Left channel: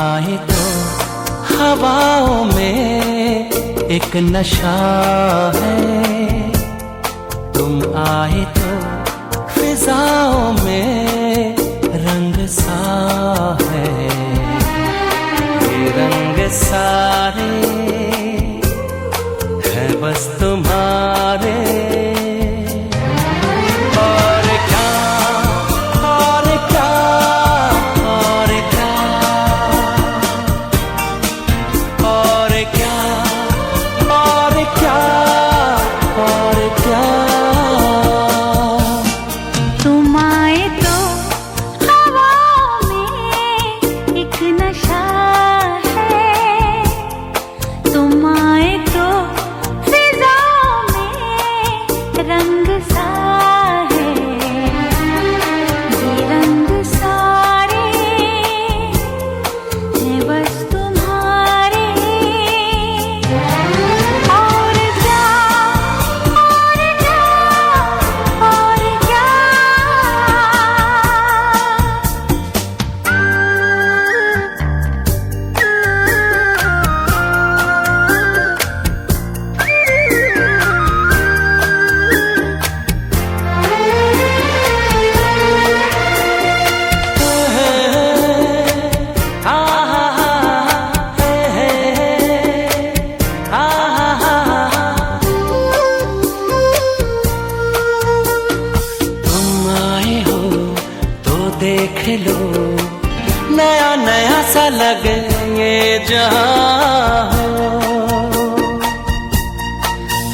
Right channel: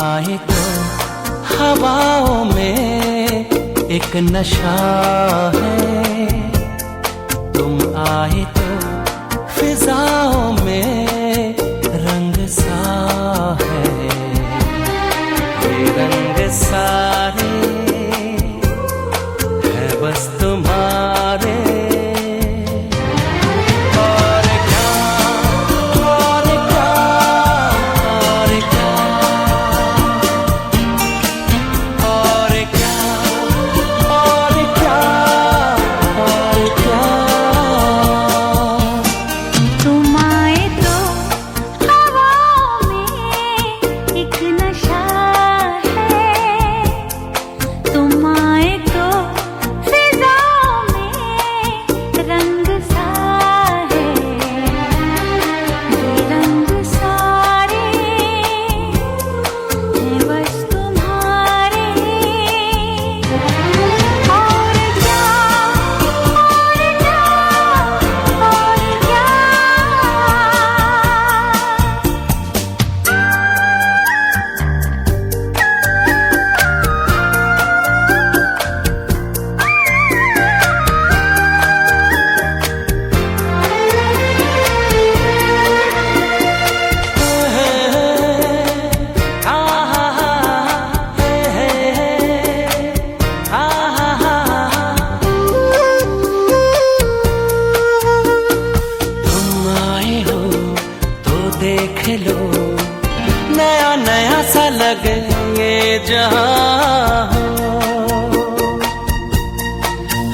आए तो हवाओं में एक नशा है, तुम आए तो फिजाओं में रंग सा है। ये रंग सारे हैं बस तुम्हारे। देख लो नया नया सा लगे ये जहां हो।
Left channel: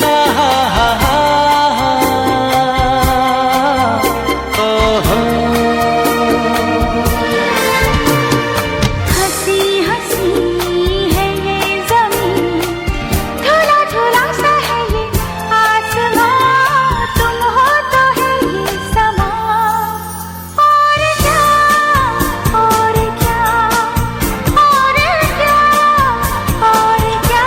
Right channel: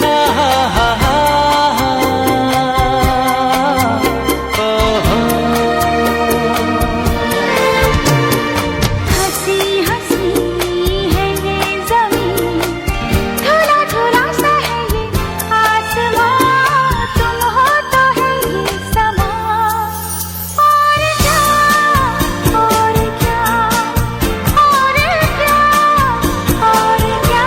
हा हा हा हंसी हंसी है ये ज़मीं, झूला झूला सा है ये आसमां, तुम हो तो है ये समा। और क्या और क्या और क्या और क्या।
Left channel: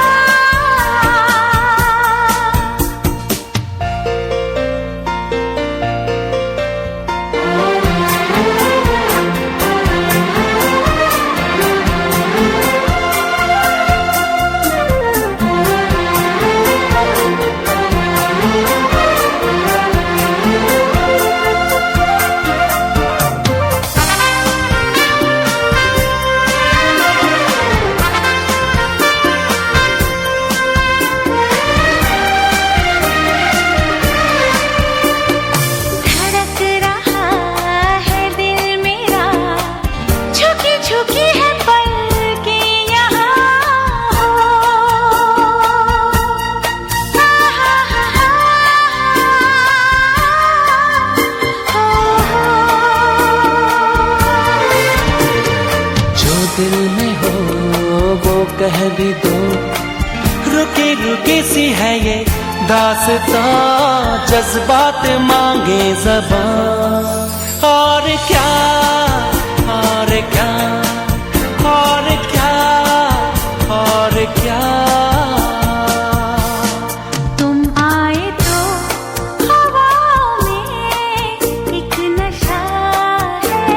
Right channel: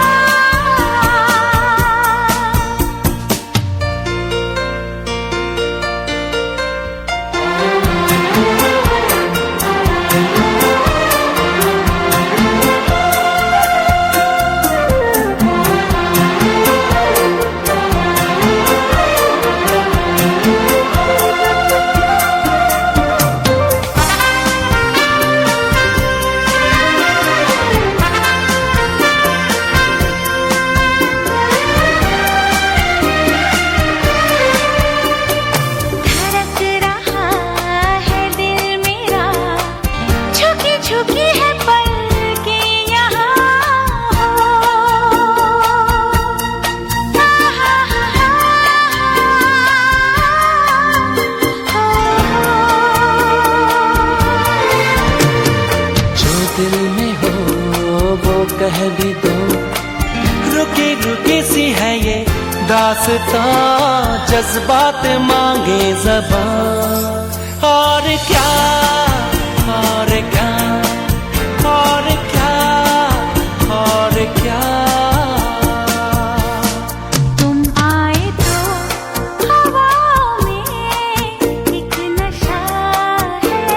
धड़क रहा है दिल मेरा, झुकी झुकी है पलकें यहाँ हो। हा हा हा हो। जो दिल में हो वो कह भी दो, रुकी रुकी सी है ये दास्तां, जज्बात मांगे ज़बान। और क्या और क्या और क्या और क्या। तुम आए तो हवाओं में एक नशा है,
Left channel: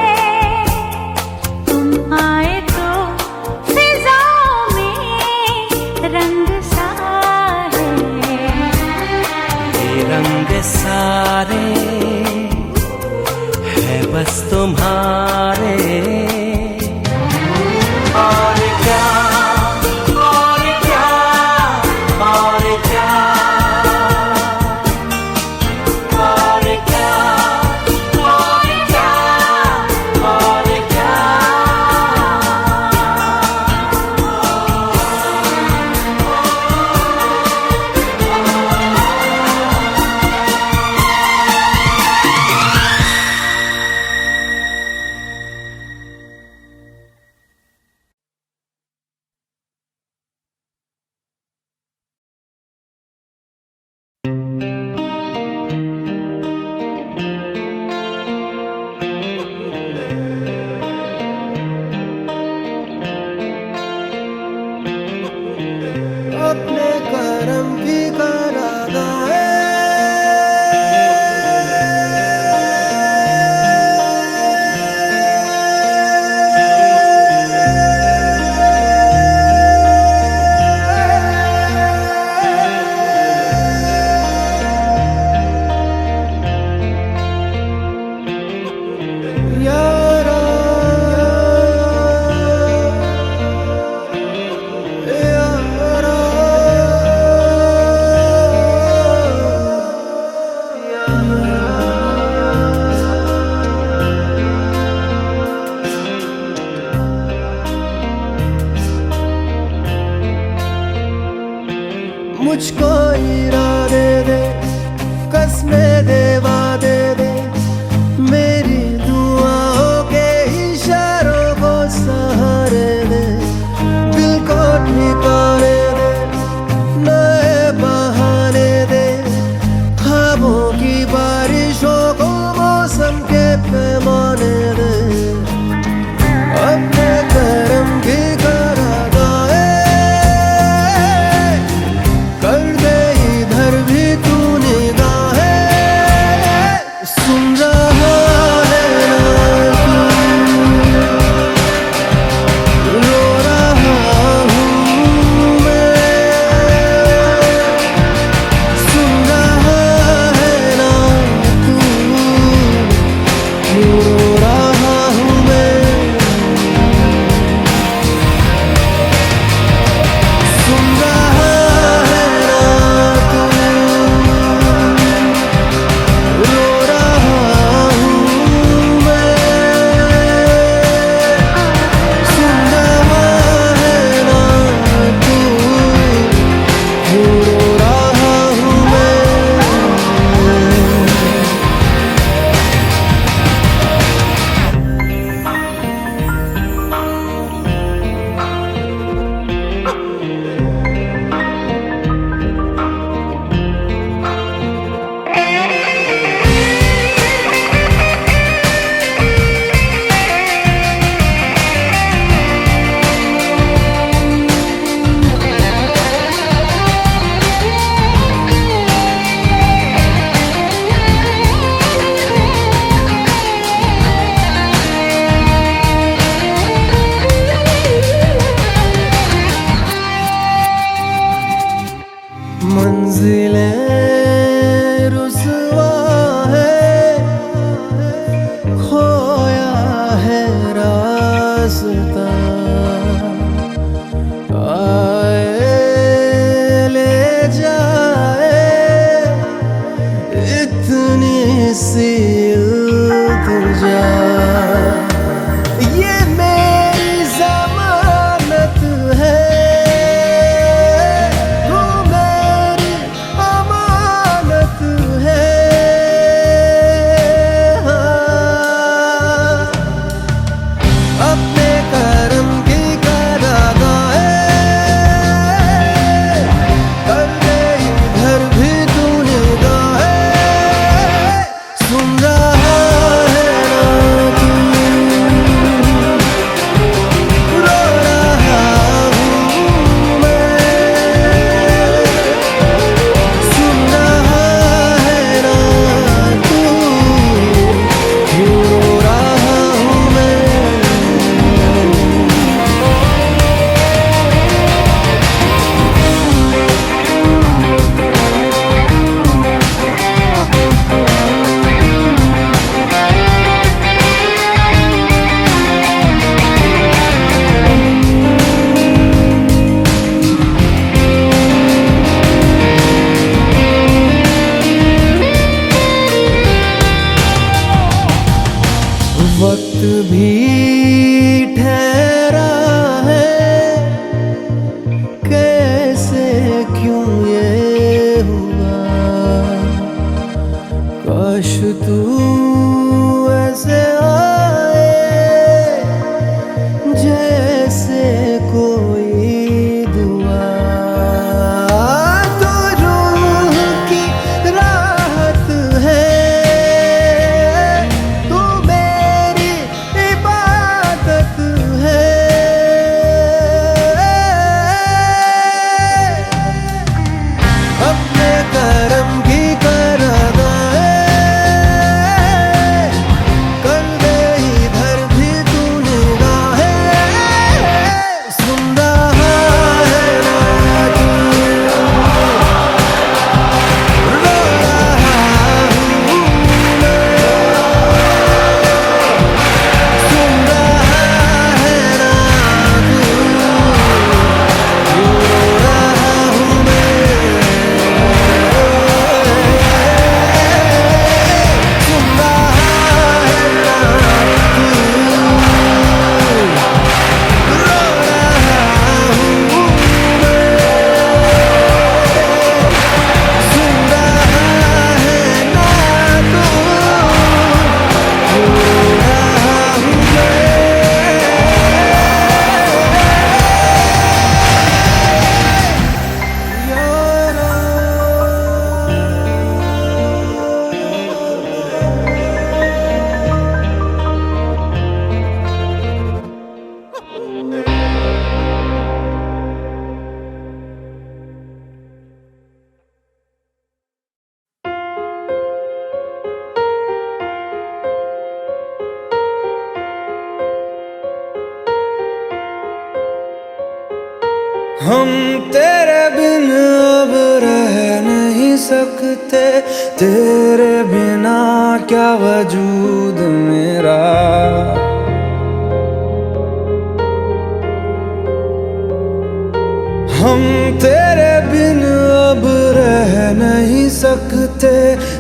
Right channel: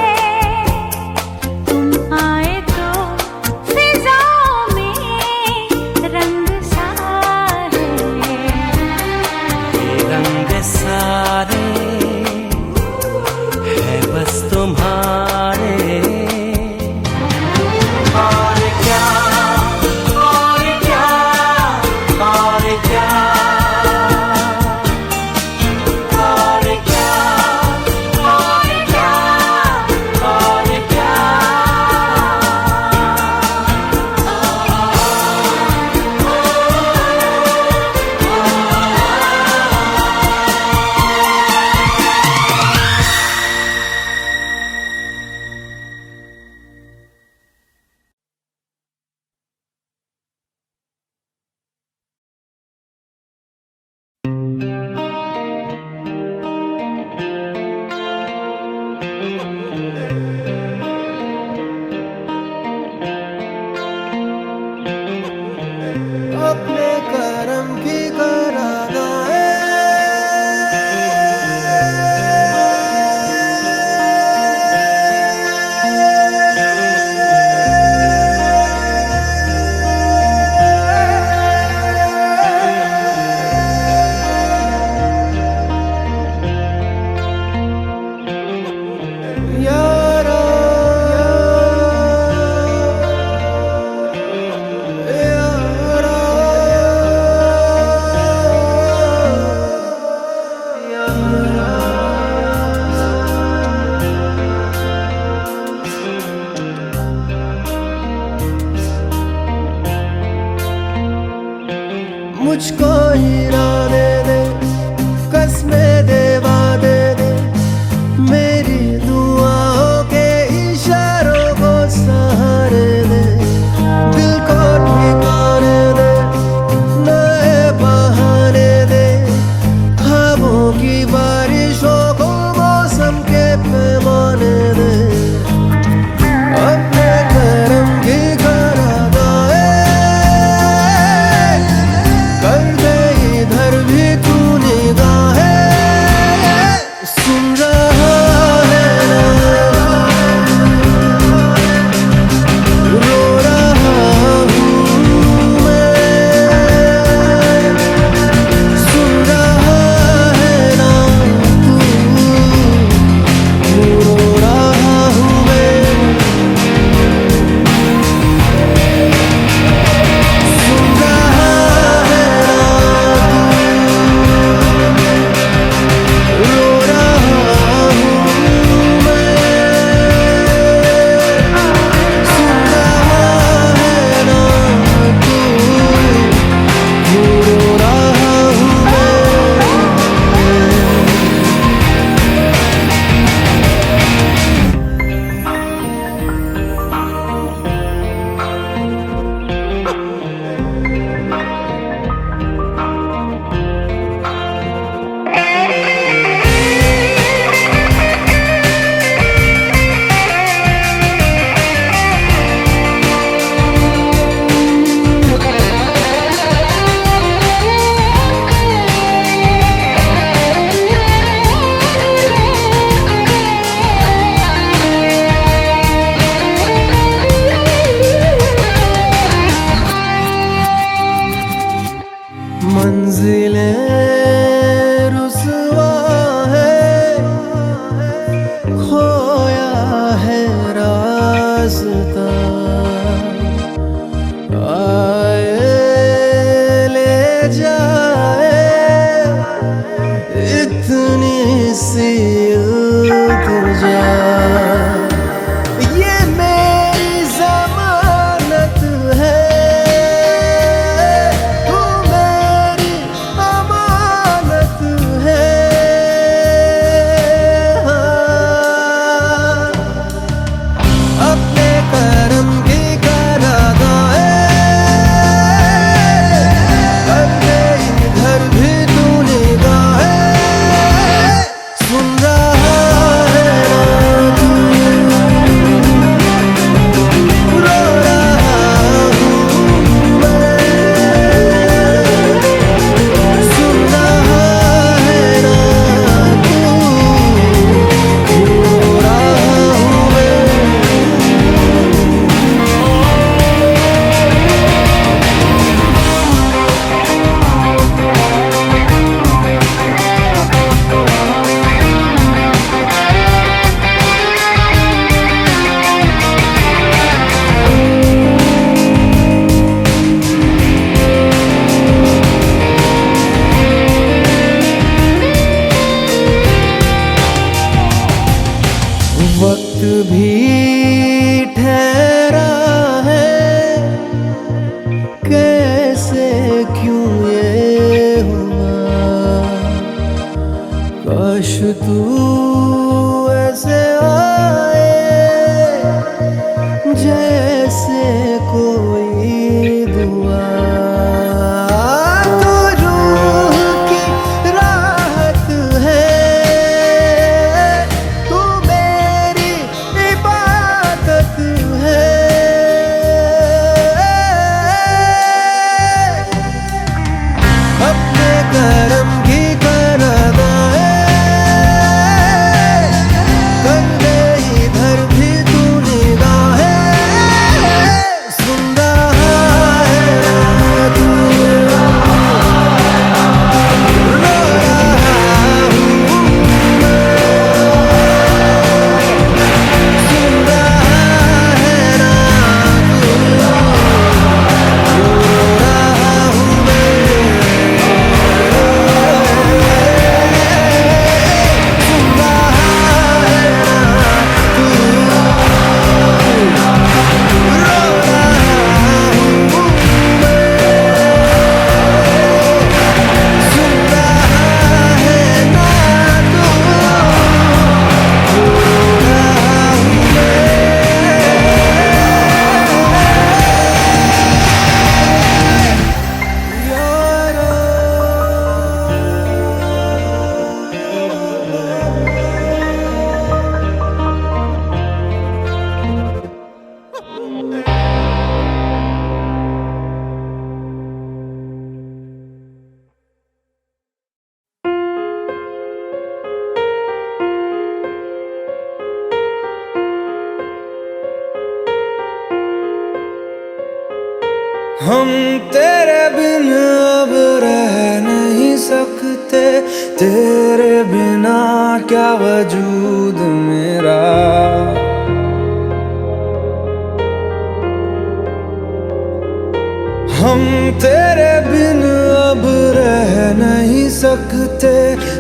तुम आए तो फिजाओं में रंग सा है। ये रंग सारे हैं बस तुम्हारे। और क्या और क्या और क्या और क्या और क्या और क्या। अपने करम की करादाए मुझको इरादे दे, कसमें दे, वादे दे, मेरी दुआओं के इशारों को सहारे दे, दिल को ठिकाने दे, नए बहाने दे, ख्वाबों की बारिशों को मौसम के पैमाने दे, अपने करम की करादाए कर दे इधर भी तू निगाहें, सुन रहा है ना तू, रो रहा हूँ मैं, सुन रहा है ना तू, क्यों रो रहा हूँ मैं, सुन रहा है ना तू, रो रहा हूँ मैं, सुन रहा है ना तू, क्यों रो रहा हूँ मैं। मंजिलें रुसवा है, खोया है रास्ता, आए ले जाए इतनी सी इल्तिजा, ये मेरी जमानत है, तू मेरी अमानत है, हाँ। अपने करम की करादाए कर दे इधर भी तू निगाहें, सुन रहा है ना तू, रो रहा हूँ मैं, सुन रहा है ना तू, क्यों रो रहा हूँ मैं। वक्त भी ठहरा है, कैसे क्यों ये हुआ, काश तू ऐसे आए जैसे कोई दुआ, तो रूह की राहत है, तू मेरी इबादत है, अपने करम की करादाए कर दे इधर भी तू निगाहें, सुन रहा हम तेरे बिन अब रह नहीं सकते, तेरे बिना क्या वजूद मेरा। हम तेरे बिन अब रह नहीं सकते,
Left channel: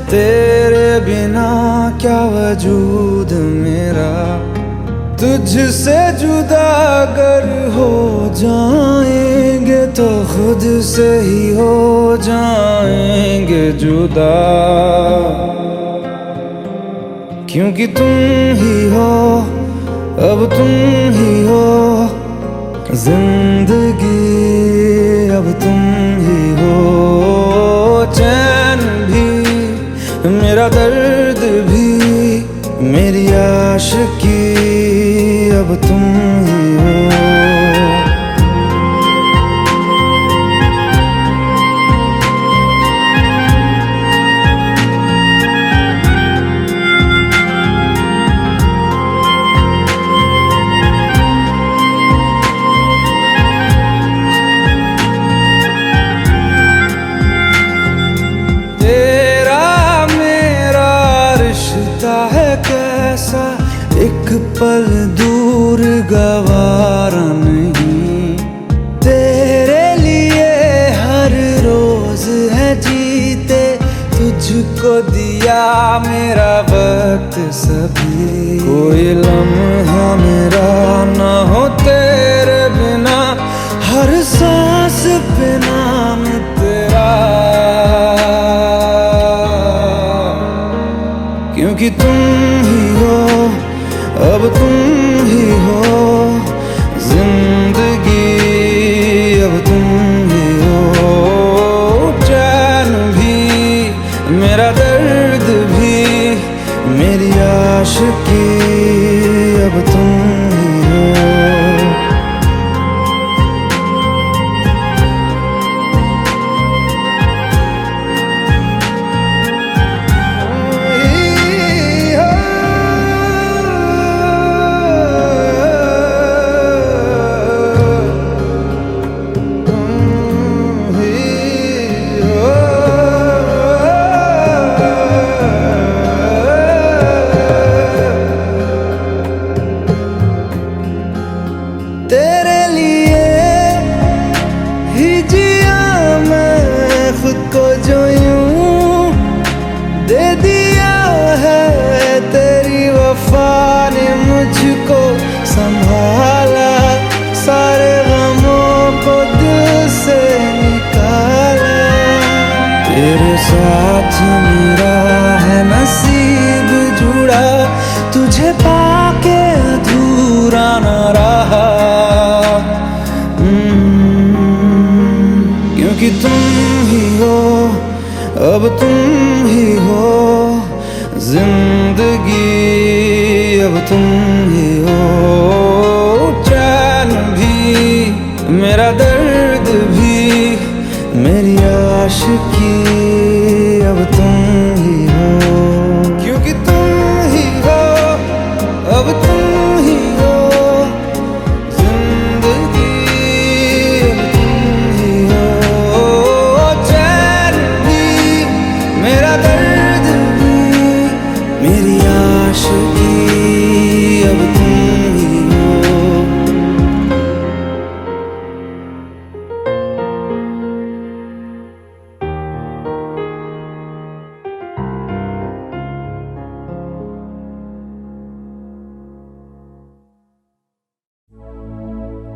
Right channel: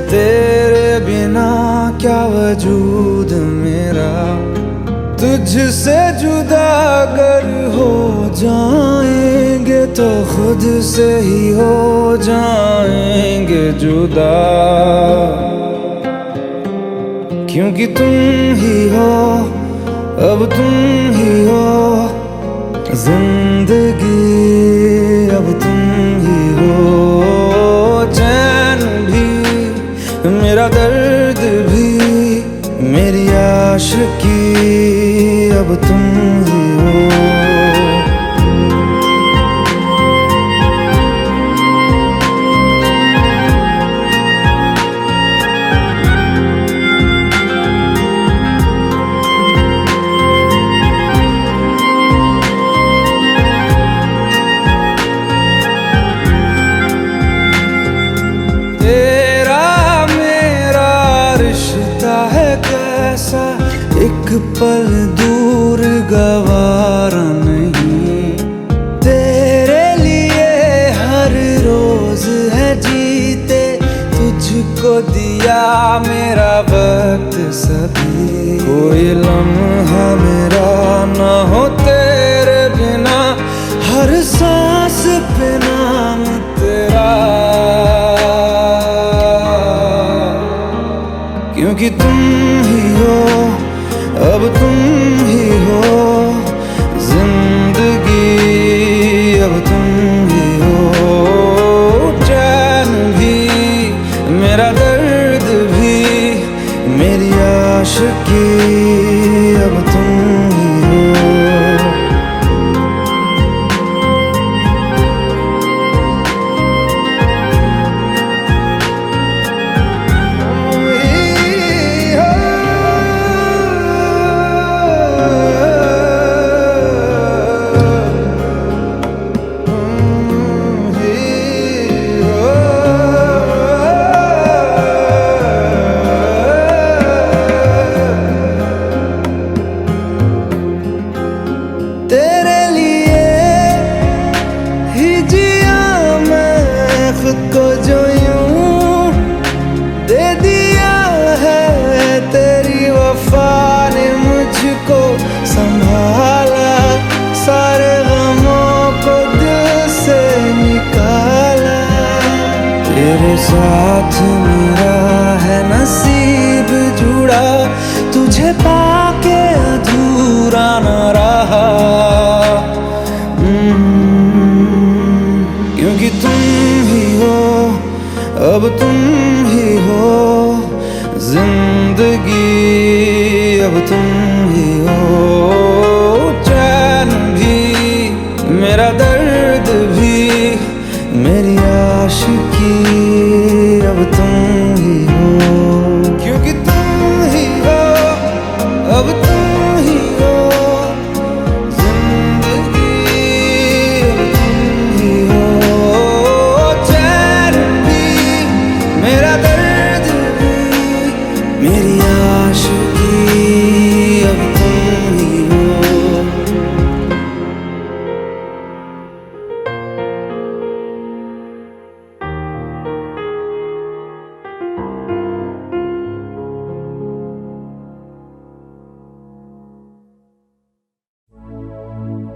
तेरे बिना क्या वजूद मेरा। तुझसे जुदा अगर हो जाएंगे तो खुद से ही हो जाएंगे जुदा। क्योंकि तुम ही हो, अब तुम ही हो जिंदगी, अब तुम ही हो। चैन भी मेरा दर्द भी मेरी आशिकी, अब तुम ही हो। कैसा एक पल दूर गवारा नहीं, तेरे लिए हर रोज है जीते, तुझको दिया मेरा वक्त सभी। कोई लम्हा मेरा ना हो तेरे बिना, हर सांस पे नाम तेरा। क्योंकि तुम ही हो, अब तुम ही हो जिंदगी, अब तुम ही हो। चैन भी मेरा दर्द भी मेरी आशिकी, अब तुम ही हो। तेरे लिए ही जिया मैं खुद को, जो यूं दे दिया है तेरी वफा ने मुझको संभाला। सारे गमों को दिल से निकाला, तेरे साथ मेरा है नसीब जुड़ा, तुझे पाके अधूरा न रहा। क्योंकि तुम ही हो, अब तुम ही हो जिंदगी, अब तुम ही हो। चैन भी मेरा दर्द भी मेरी आशिकी, अब तुम ही हो। क्योंकि तुम ही हो, अब तुम ही हो जिंदगी, अब तुम ही हो। चैन भी मेरा दर्द भी मेरी आशिकी, अब तुम ही हो।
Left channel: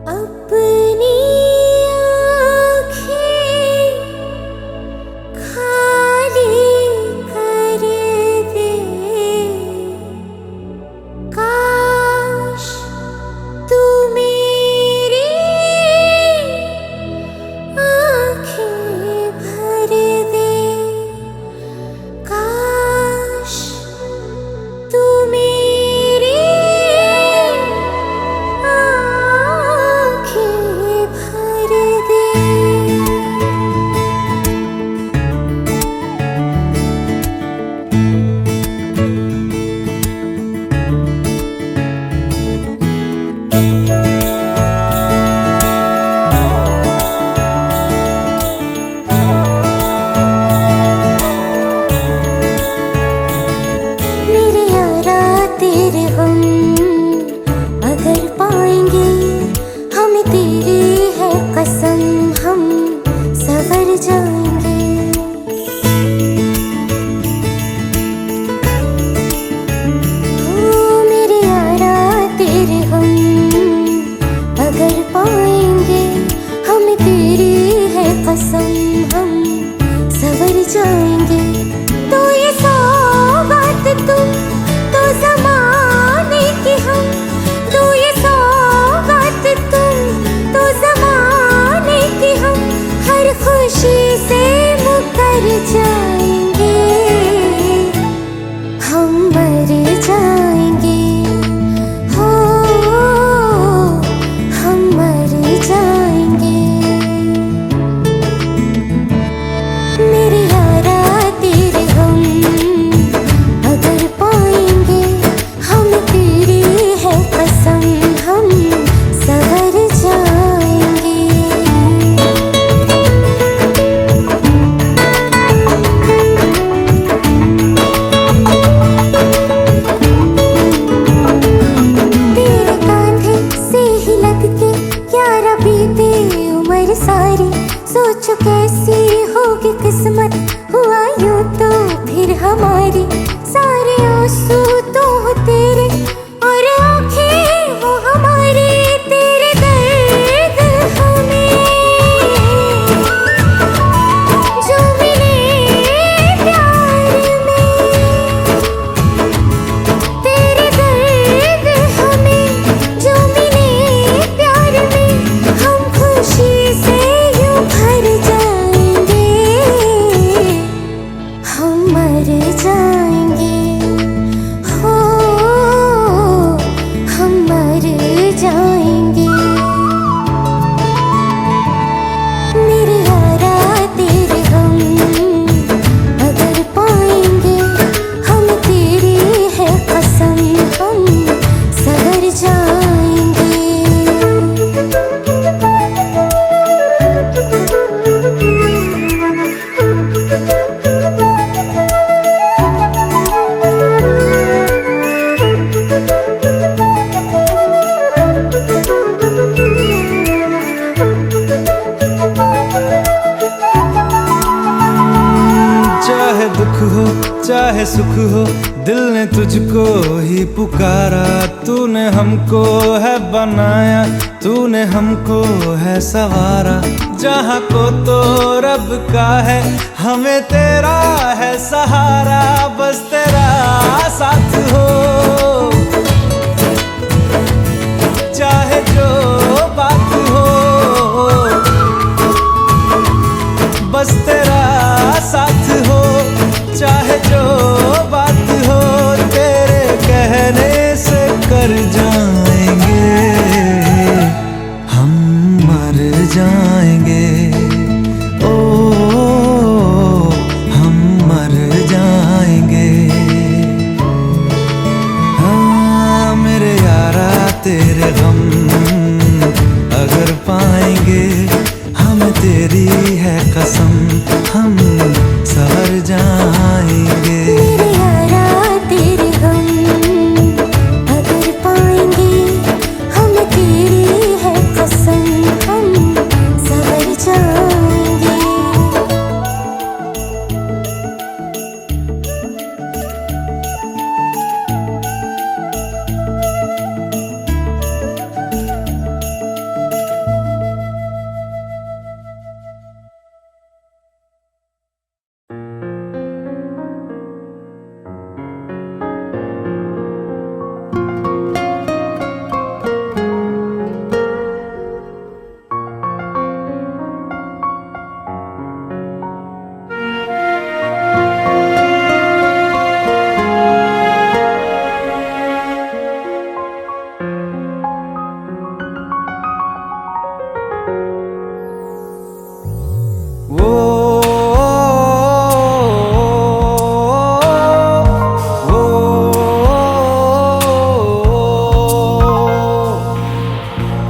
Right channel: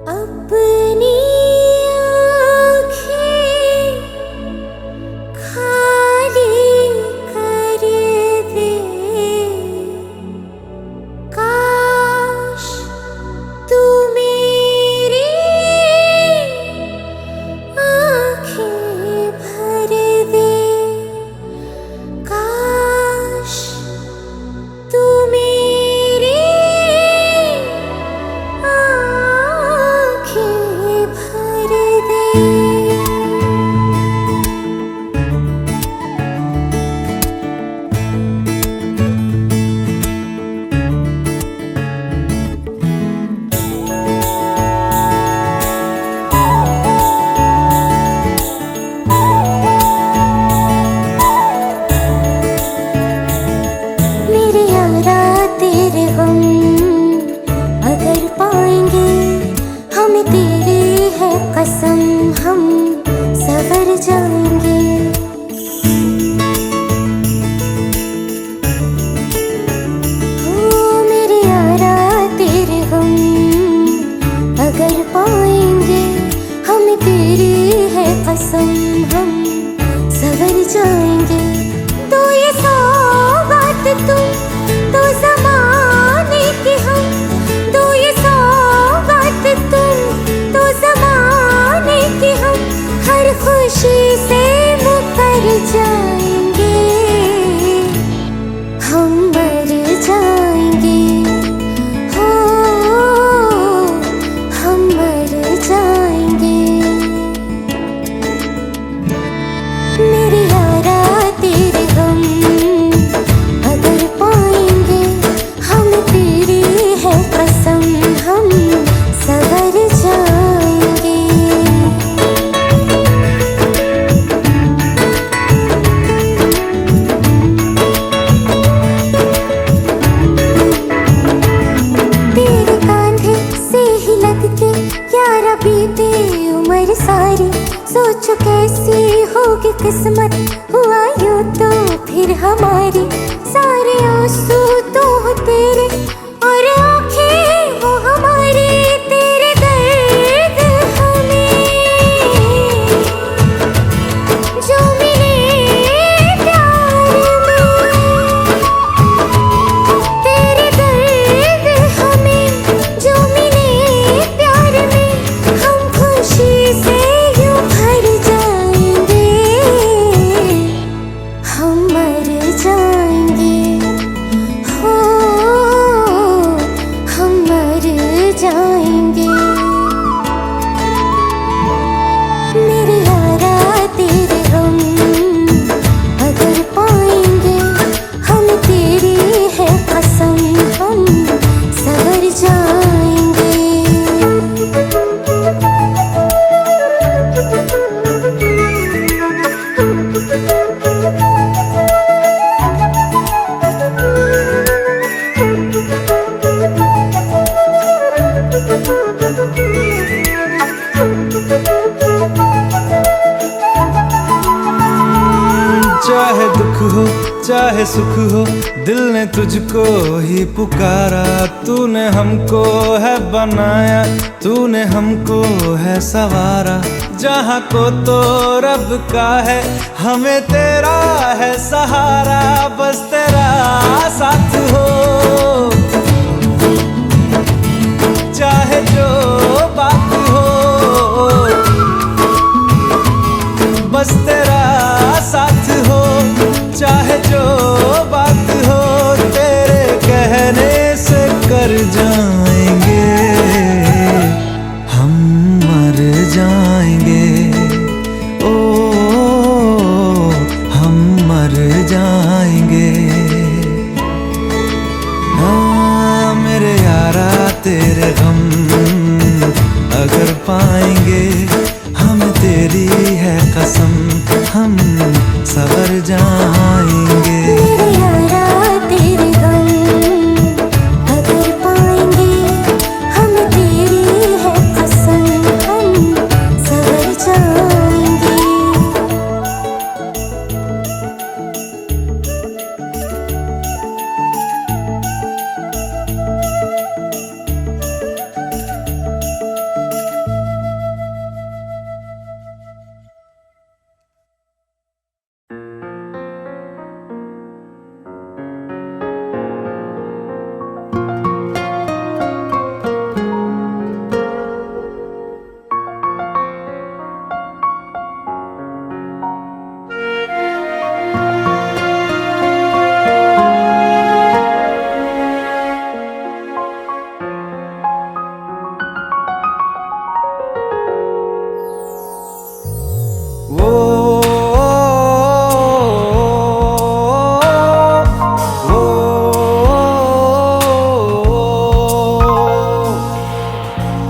अपनी आँखें खाली कर दे, काश तू मेरी आँखें भर दे, काश तू मेरी आँखें है कसम हम सवर जाएंगे। हो मेरे यारा तेरे गम अगर पाएंगे, हम तेरी है कसम हम सवर जाएंगे। तो ये सौगात तुम तो ज़माने की हम, तो ये सौगात तुम तो ज़माने की हम, हर खुशी से मुकर जाएंगे, हम मर जाएंगे। हो हम मर जाएंगे। मेरे यारा तेरे गम अगर पाएंगे, हम तेरी है कसम हम सवर जाएंगे। तेरे कांधे से ही लग के यारा बीते उम्र सारी, सोचो कैसी होगी किस्मत, हुआ यूं तो फिर हमारी। सारे आंसू तो हो तेरे और आंखें वो हमारी, तेरे दर्द हमें जो मिले प्यार में, तेरे दर्द हमें जो मिले प्यार में, हम खुशी से यूं भर जाएंगे, हम मर जाएंगे। हो हम मर जाएंगे। मेरे यारा तेरे गम अगर पाएंगे, हम तेरी है कसम हम सवर जाएंगे। चाहे दुख हो चाहे सुख हो, दिल ने तुझको ही पुकारा। तूने हमको है बनाया, तूने हमको है सवारा। जहाँ को तो रब का है, हमें तेरा है सहारा। बस तेरा साथ हो, चाहे जो बात हो, बस तेरा साथ हो, चाहे जो बात हो। तेरे कहने से कर जाएंगे, हम मर जाएंगे। ओ हम मर जाएंगे। हाँ मेरे यारा तेरे गम अगर पाएंगे, हम तेरी है कसम हम सवर जाएंगे। मेरे यारा तेरे गम अगर पाएंगे, हम तेरी है कसम हम सवर जाएंगे।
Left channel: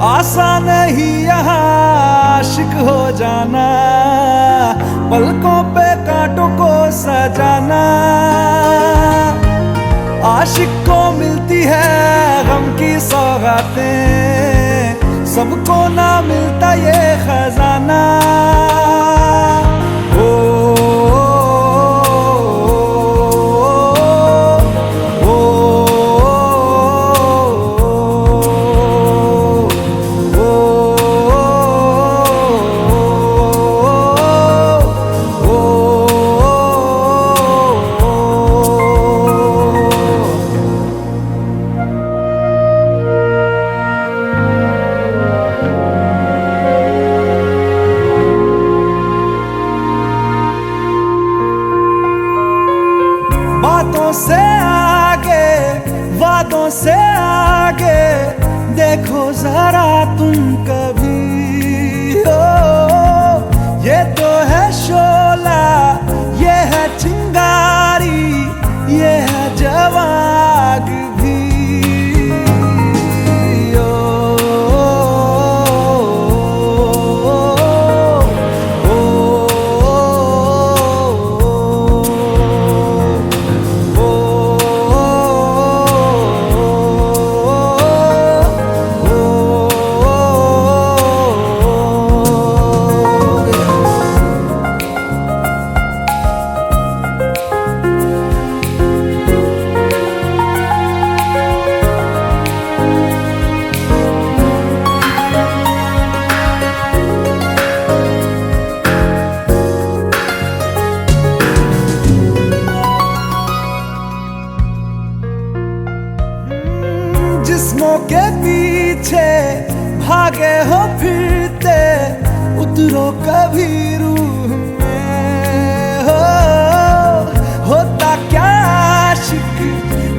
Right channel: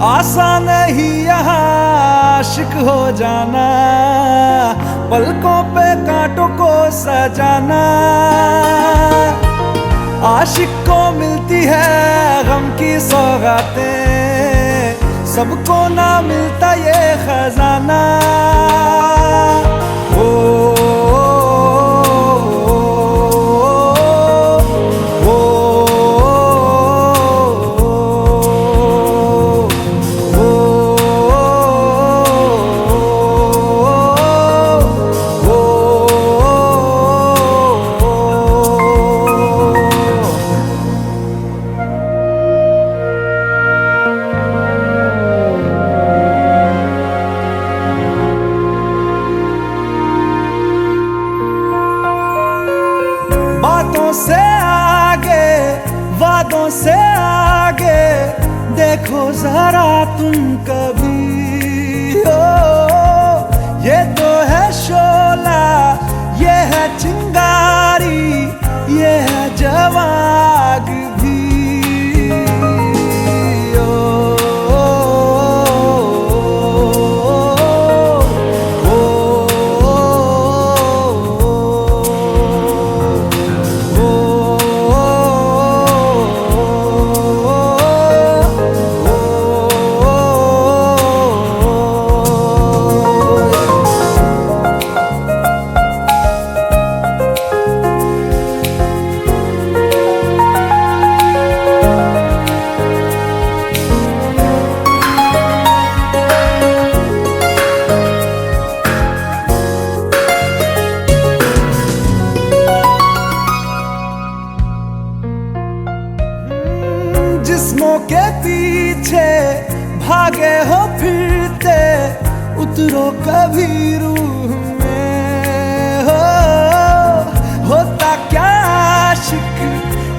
आसान नहीं यहाँ आशिक हो जाना, पलकों पे कांटों को सजाना। आशिक को मिलती है गम की सौगातें, सबको ना मिलता ये सपनों से आगे, वादों से आगे देखो जरा तुम कभी। ओ ये तो है शोला, ये है चिंगारी, ये है जवाग भी। जिस्मों के पीछे भागे हो फिरते, उतरो कभी रूह में। होता क्या आशिक,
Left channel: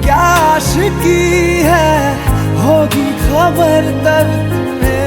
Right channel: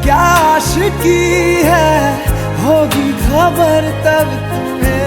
क्या आशिकी है, होगी खबर तब तुम्हें।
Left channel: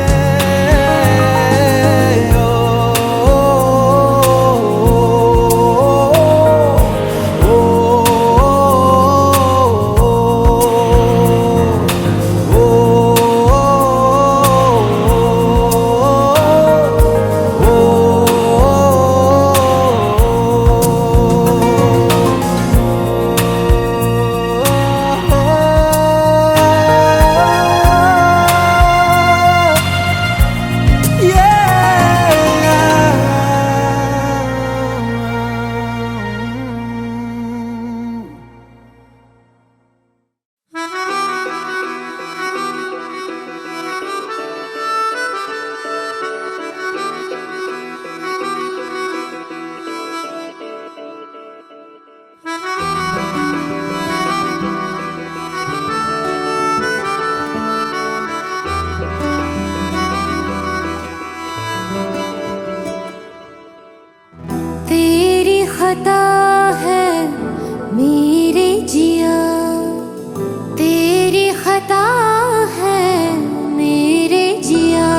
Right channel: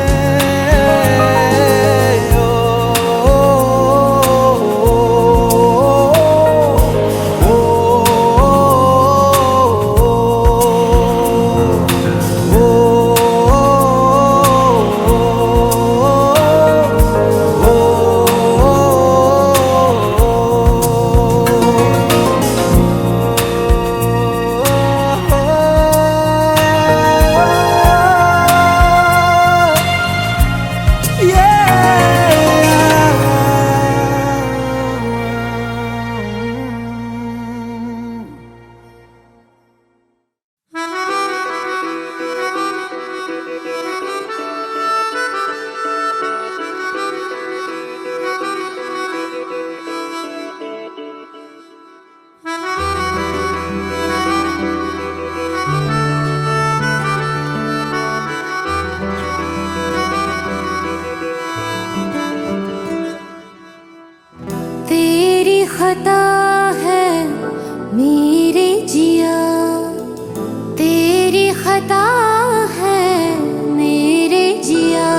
तेरी खता है मेरे जिया, तेरी खता है मेरे जिया।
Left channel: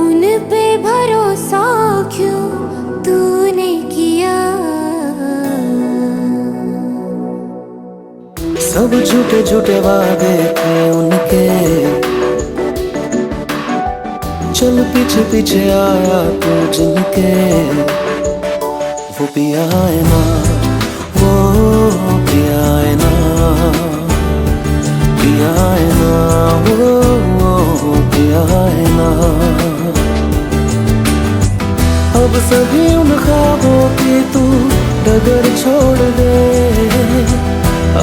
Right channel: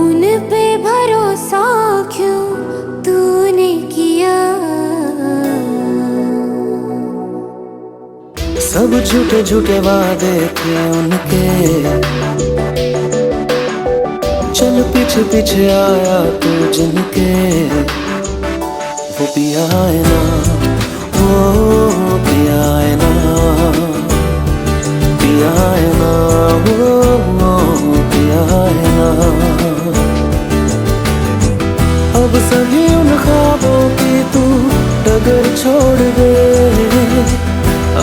उन पे भरोसा क्यों तूने किया। सब झूठे झूठे वादे थे उनके, चल पीछे पीछे आया तू जिनके। वो पिया है ना, वो पिया है ना, पिया है ना, वो पिया है ना। अब सभी उन ख्वाबों की तू डगर छोड़ दे,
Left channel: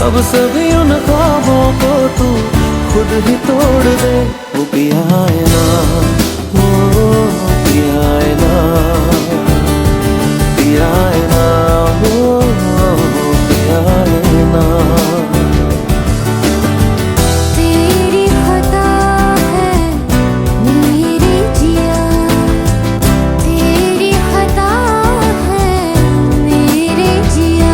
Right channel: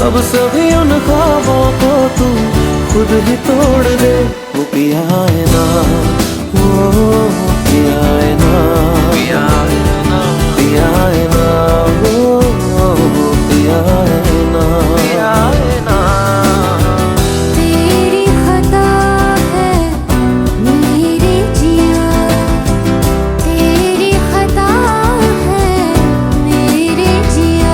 अब सभी उन ख्वाबों को तू खुद ही तोड़ दे। वो पिया है ना, वो पिया है ना, पिया है ना, वो पिया है ना। तेरी खता है मेरे जिया, तेरी खता है मेरे जिया।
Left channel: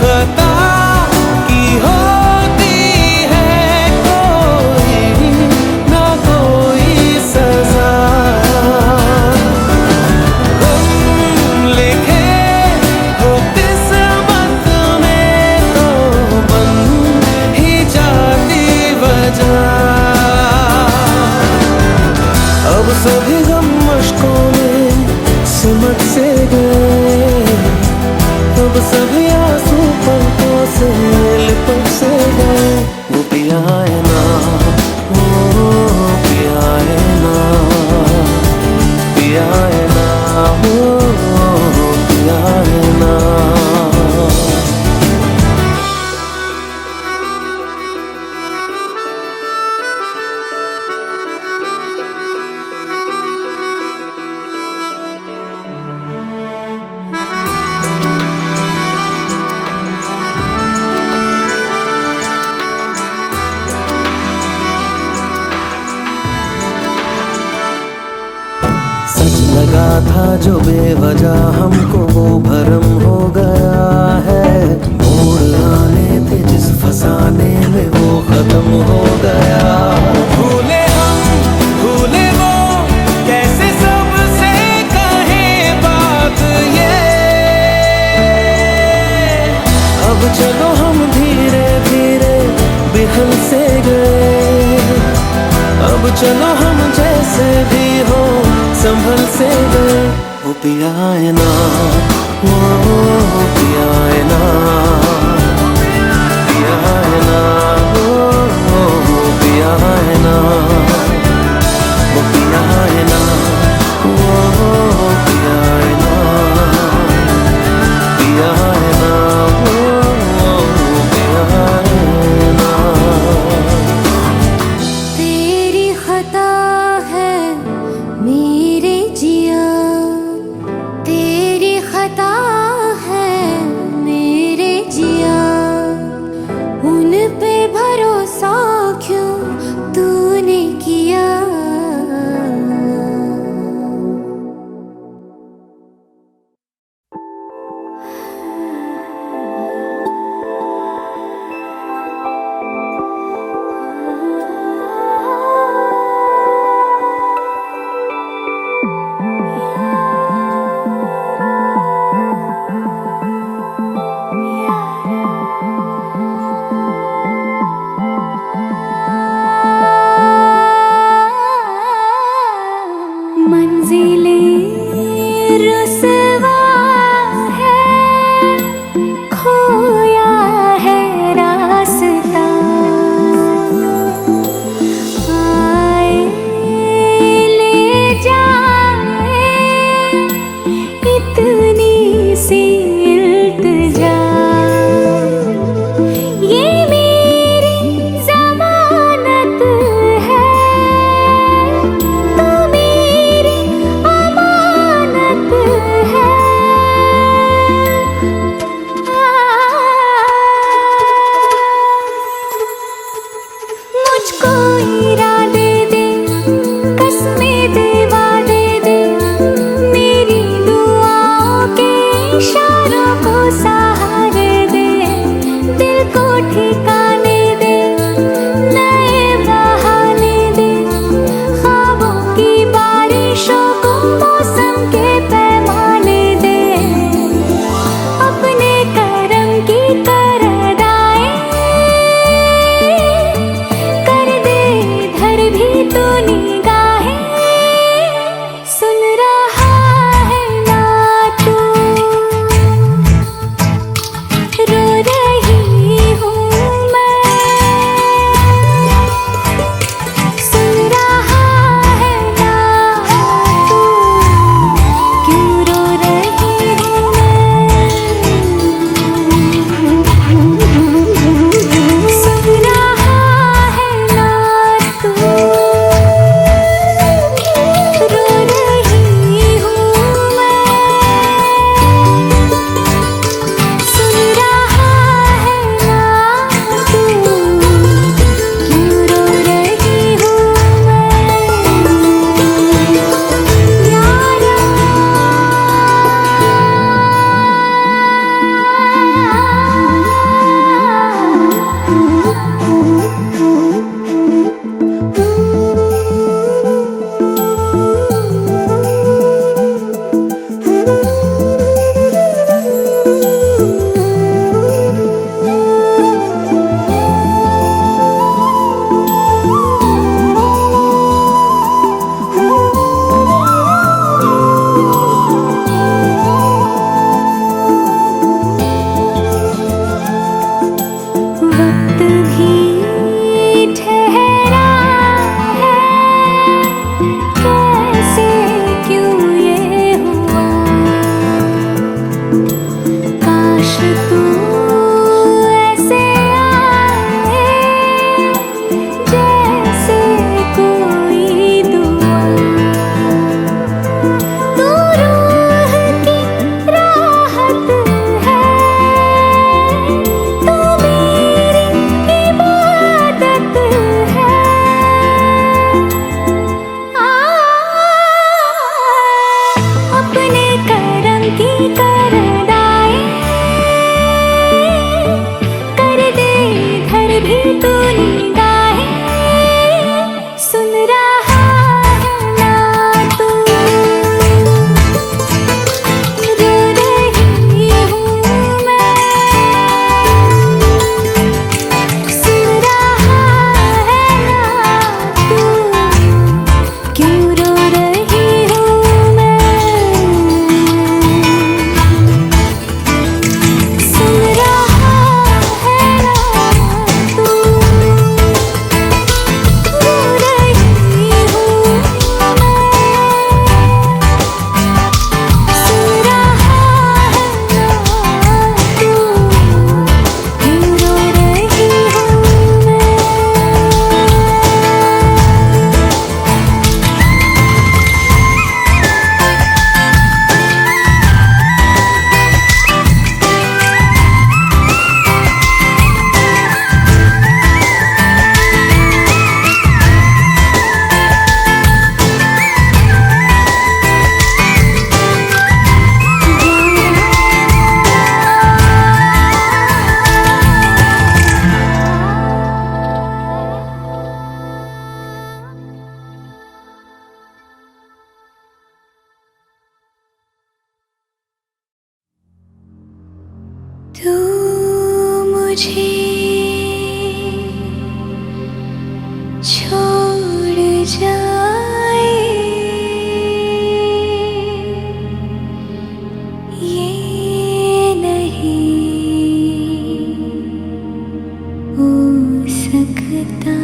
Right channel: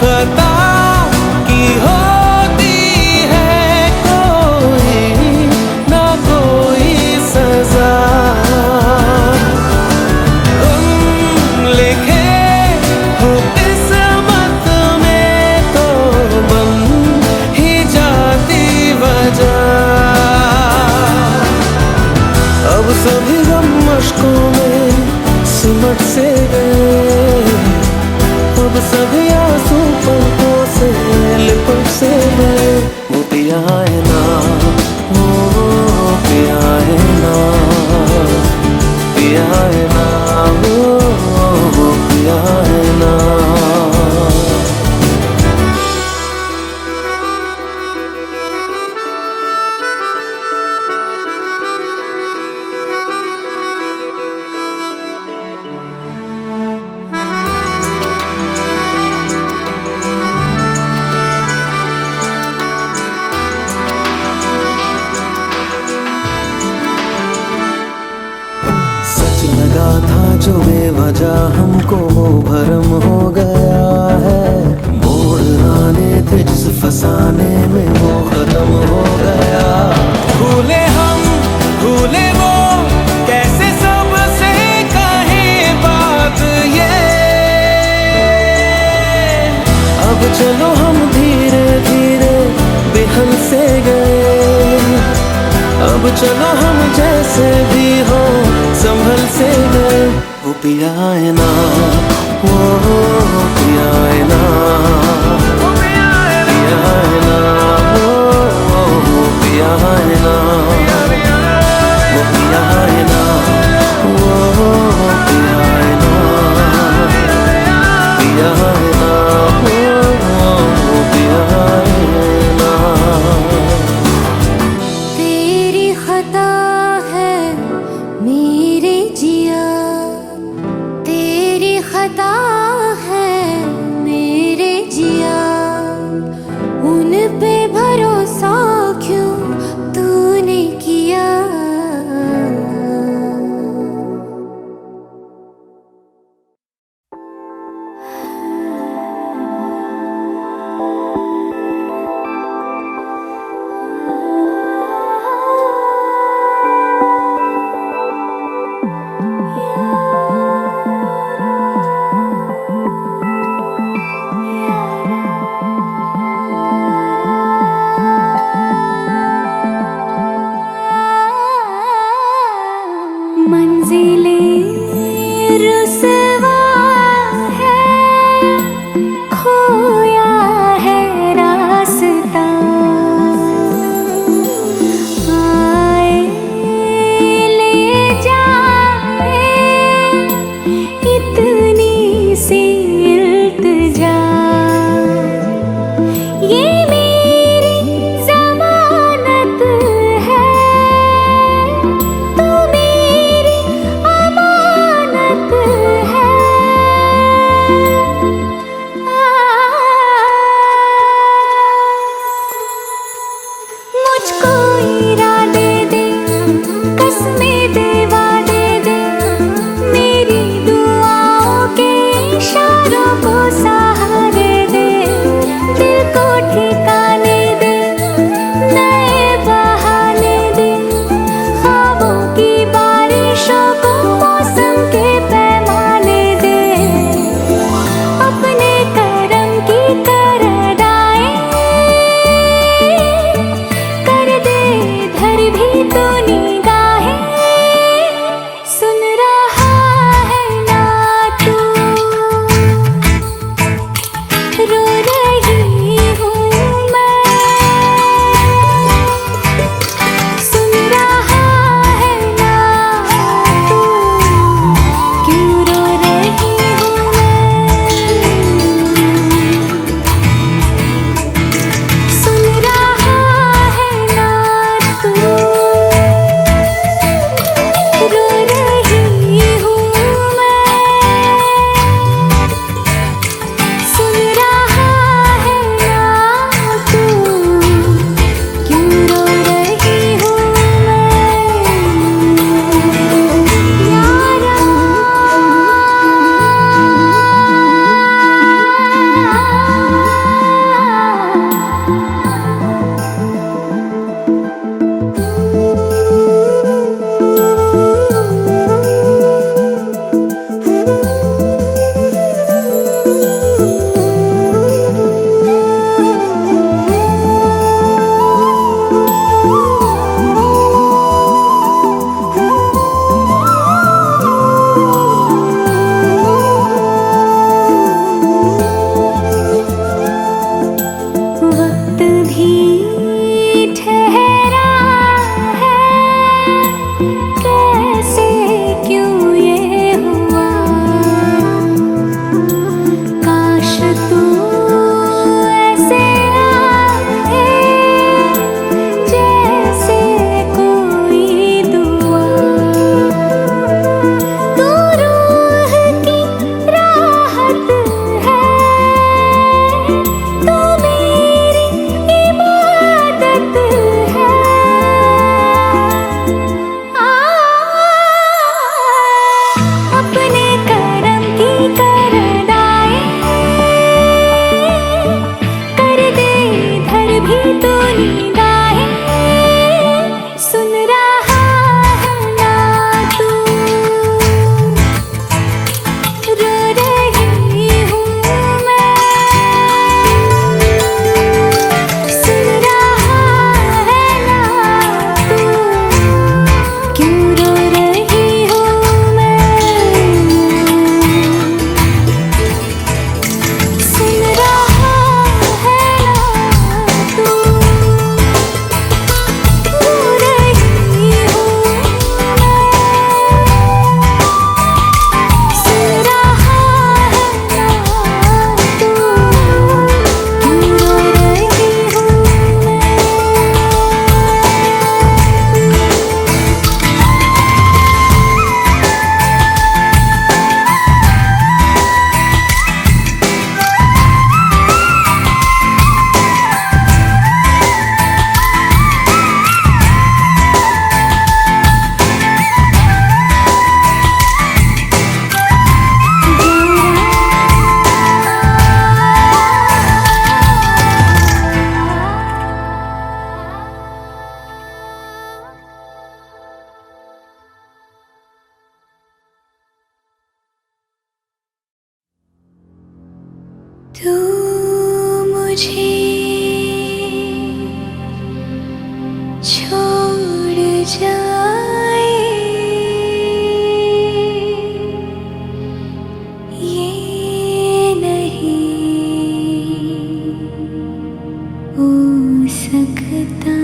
खता की होती है कोई ना कोई सजा। हम लिखे हो किस्मत में तो बन ही जाती वजह। अब सभी गम मशकों में सिमट से गए, अब सभी आंसू पलकों से लिपट से गए। वो पिया है ना, वो पिया है ना, पिया है ना, वो पिया है ना। सच लगा था जो बेवजह हमको वो भरम हो गया है। मोड़ आने थे जिस फसाने में वो खत्म हो गया। भूले हम भूले वो कैसे सबसे कहें बात ये। अब चलो हम धीरे धीरे बेहल से गए। अब चलो हम जैसे भी हो संभल से गए। वो पिया है ना, वो पिया है ना, पिया है ना, वो पिया है ना, वो पिया है ना, वो पिया है ना, पिया है ना, वो पिया है ना। खता है मेरे जिया, तेरी खता है मेरे जिया। उन पे भरोसा क्यों तूने किया। मंजिलें रुसवा है, खोया है रास्ता। आए ले जाए इतनी सी इल्तिजा। ये मेरी जमानत है, तू मेरी अमानत है। मुझको इरादे दे, कसमें दे, वादे दे। मेरी दुआओं के इशारों को सहारे दे। दिल को ठिकाने दे, नए बहाने दे। ख्वाबों की बारिशों को मौसम के पैमाने दे। अपने करम की करदाएं कर दे इधर भी तो निगाहें। सुन रहा है ना तू, रो रही हूँ मुझे छोड़ जाए ये नहीं हो सकता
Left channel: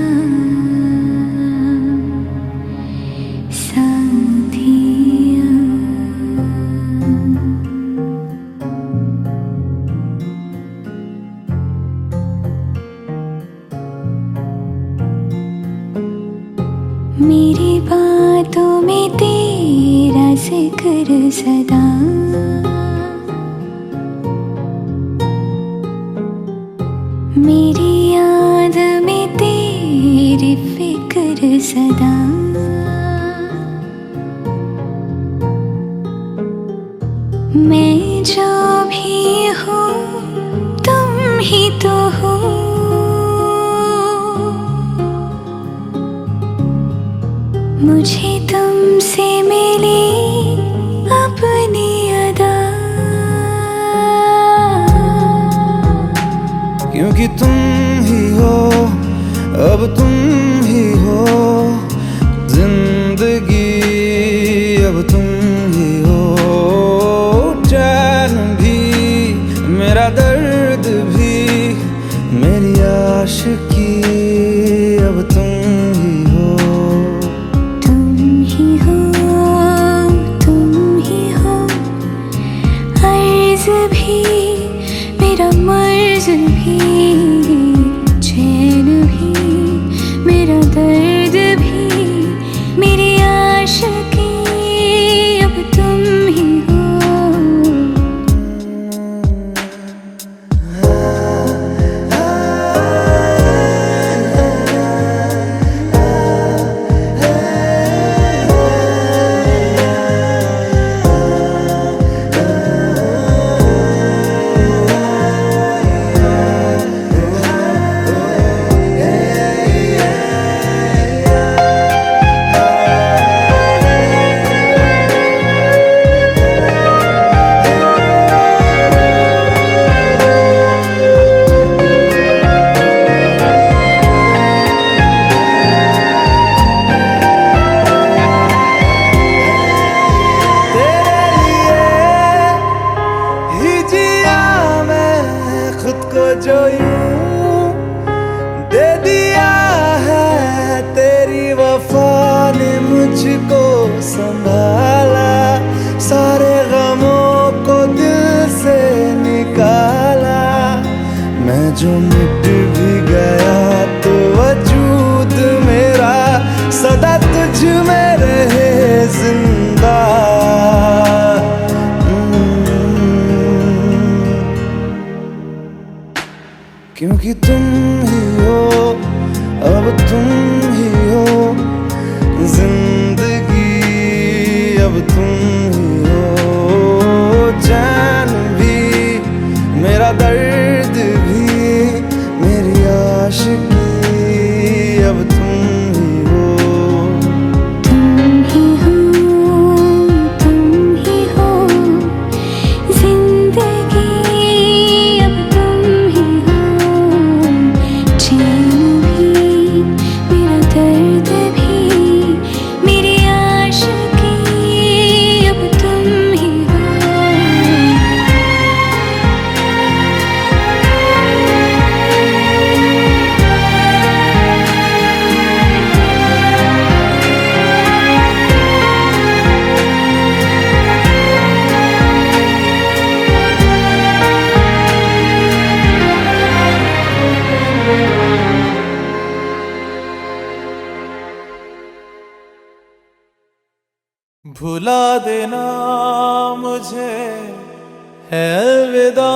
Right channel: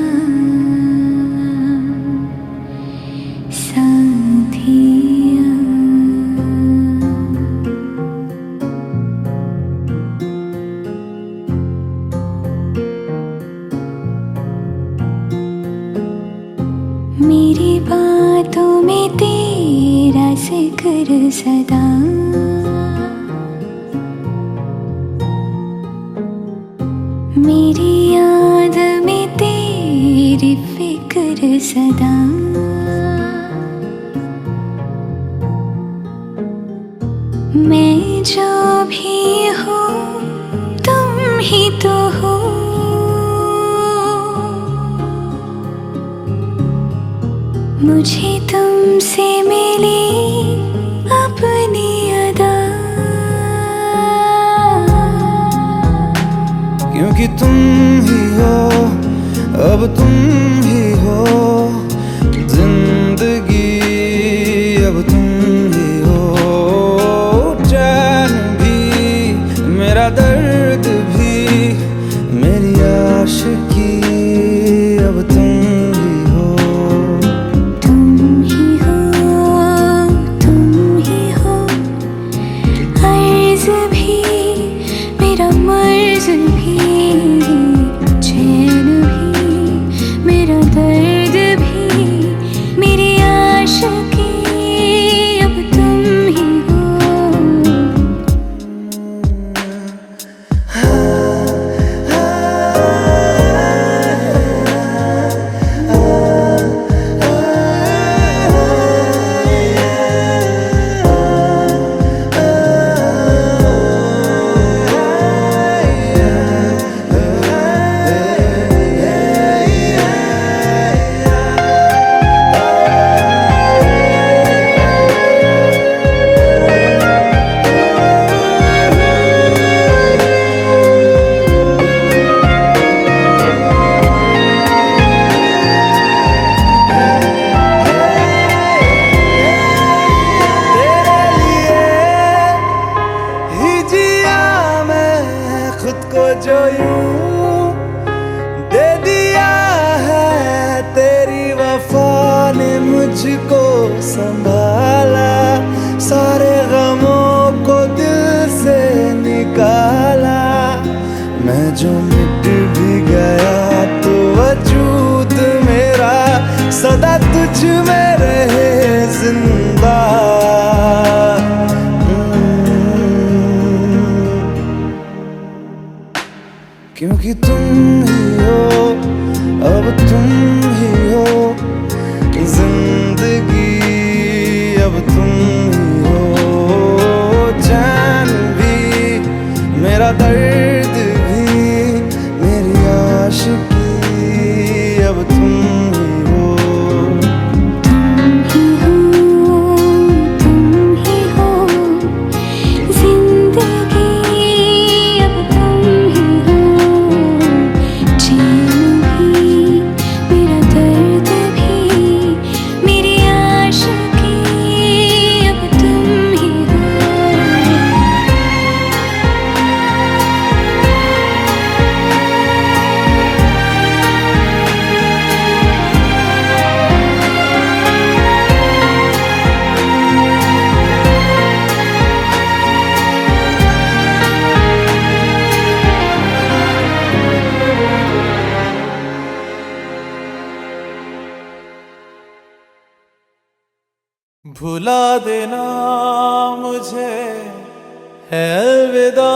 साथिया। मेरी बातों में तेरा जिक्र सदा, मेरी याद में तेरी फिक्र सदा। मैं जो भी हूँ तुम ही तो हो, मुझे तुमसे मिली अपनी अदा। क्योंकि तुम ही हो, अब तुम ही हो जिंदगी, अब तुम ही हो चैन भी, मेरा दर्द भी, मेरी आशिकी, अब तुम ही हो। तुम ही हो, तुम ही हो, अर्ज भी मेरा मर्ज भी, चैन भी मेरा दर्द भी, मेरी आशिकी, अब तुम ही हो। खुद को जो यूं दे दिया है, तेरी वफा ने मुझको संभाला, सारे गमों को दिल से निकाला। मैं जो मिट भी गया तो वजूद मेरा सदा तुझ में रहे जिंदा। क्योंकि तुम ही हो, अब तुम ही हो जिंदगी, अब तुम ही हो चैन भी, मेरा दर्द भी, मेरी आशिकी, अब तुम ही हो। तुम ही हो, तुम ही हो जिंदगी, अब तुम ही हो चैन भी, मेरा दर्द भी, मेरी आशिकी, अब तुम ही हो। भुला देना मुझे है अलविदा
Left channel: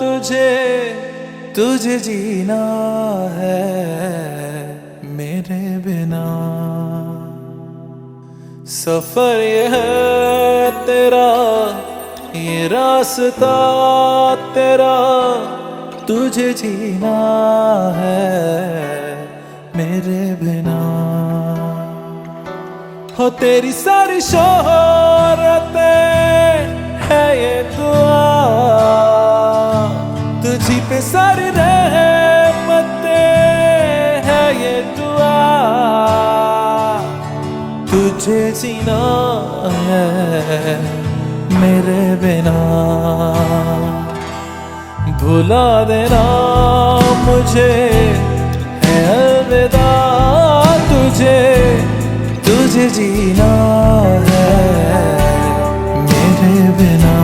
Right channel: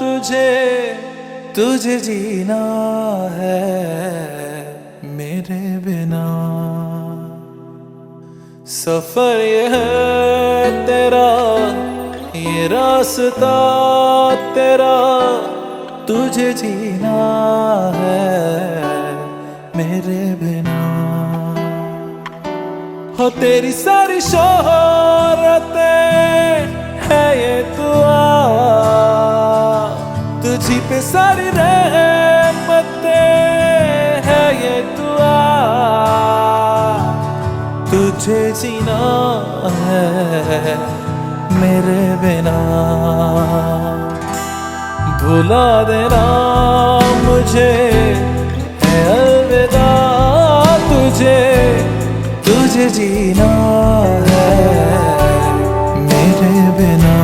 तुझे, तुझे जीना है मेरे बिना। सफर ये है तेरा, ये रास्ता तेरा, तुझे जीना है मेरे बिना। हो तेरी सारी शोहरतें है ये दुआ, तू तुझी पे सारी रहमतें है ये दुआ, तुझे जीना है मेरे बिना। भुला देना मुझे है अलविदा, तुझे जीना है मेरे बिना।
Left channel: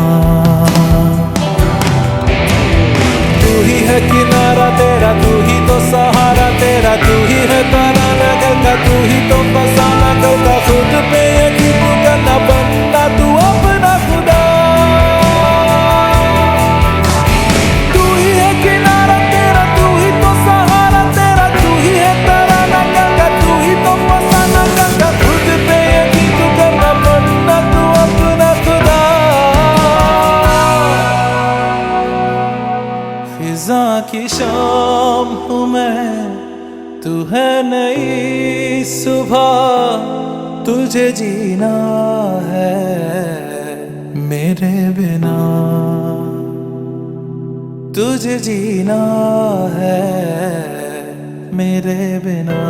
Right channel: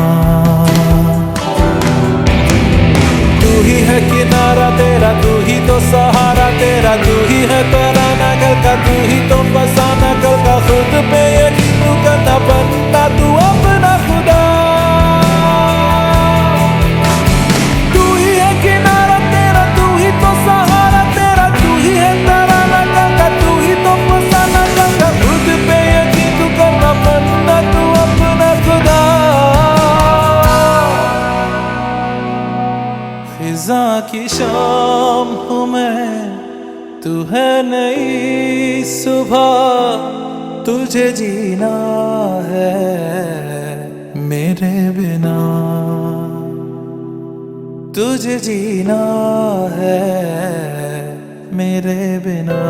तू ही है किनारा तेरा, तू ही तो सहारा तेरा, तू ही है तराना कल का, तू ही तो फसाना कल का। खुद पे यकीन तू करना, बनना तू अपना खुदा। तू ही है किनारा तेरा, तू ही तो सहारा तेरा, तू ही है तराना कल का, तू ही तो फसाना कल का। खुद पे यकीन तू करना, बनना तू अपना खुदा। फिजा की शाम हूँ मैं, तू है नई सुबह, तुझे जीना है मेरे बिना। तुझे जीना है मेरे बिना।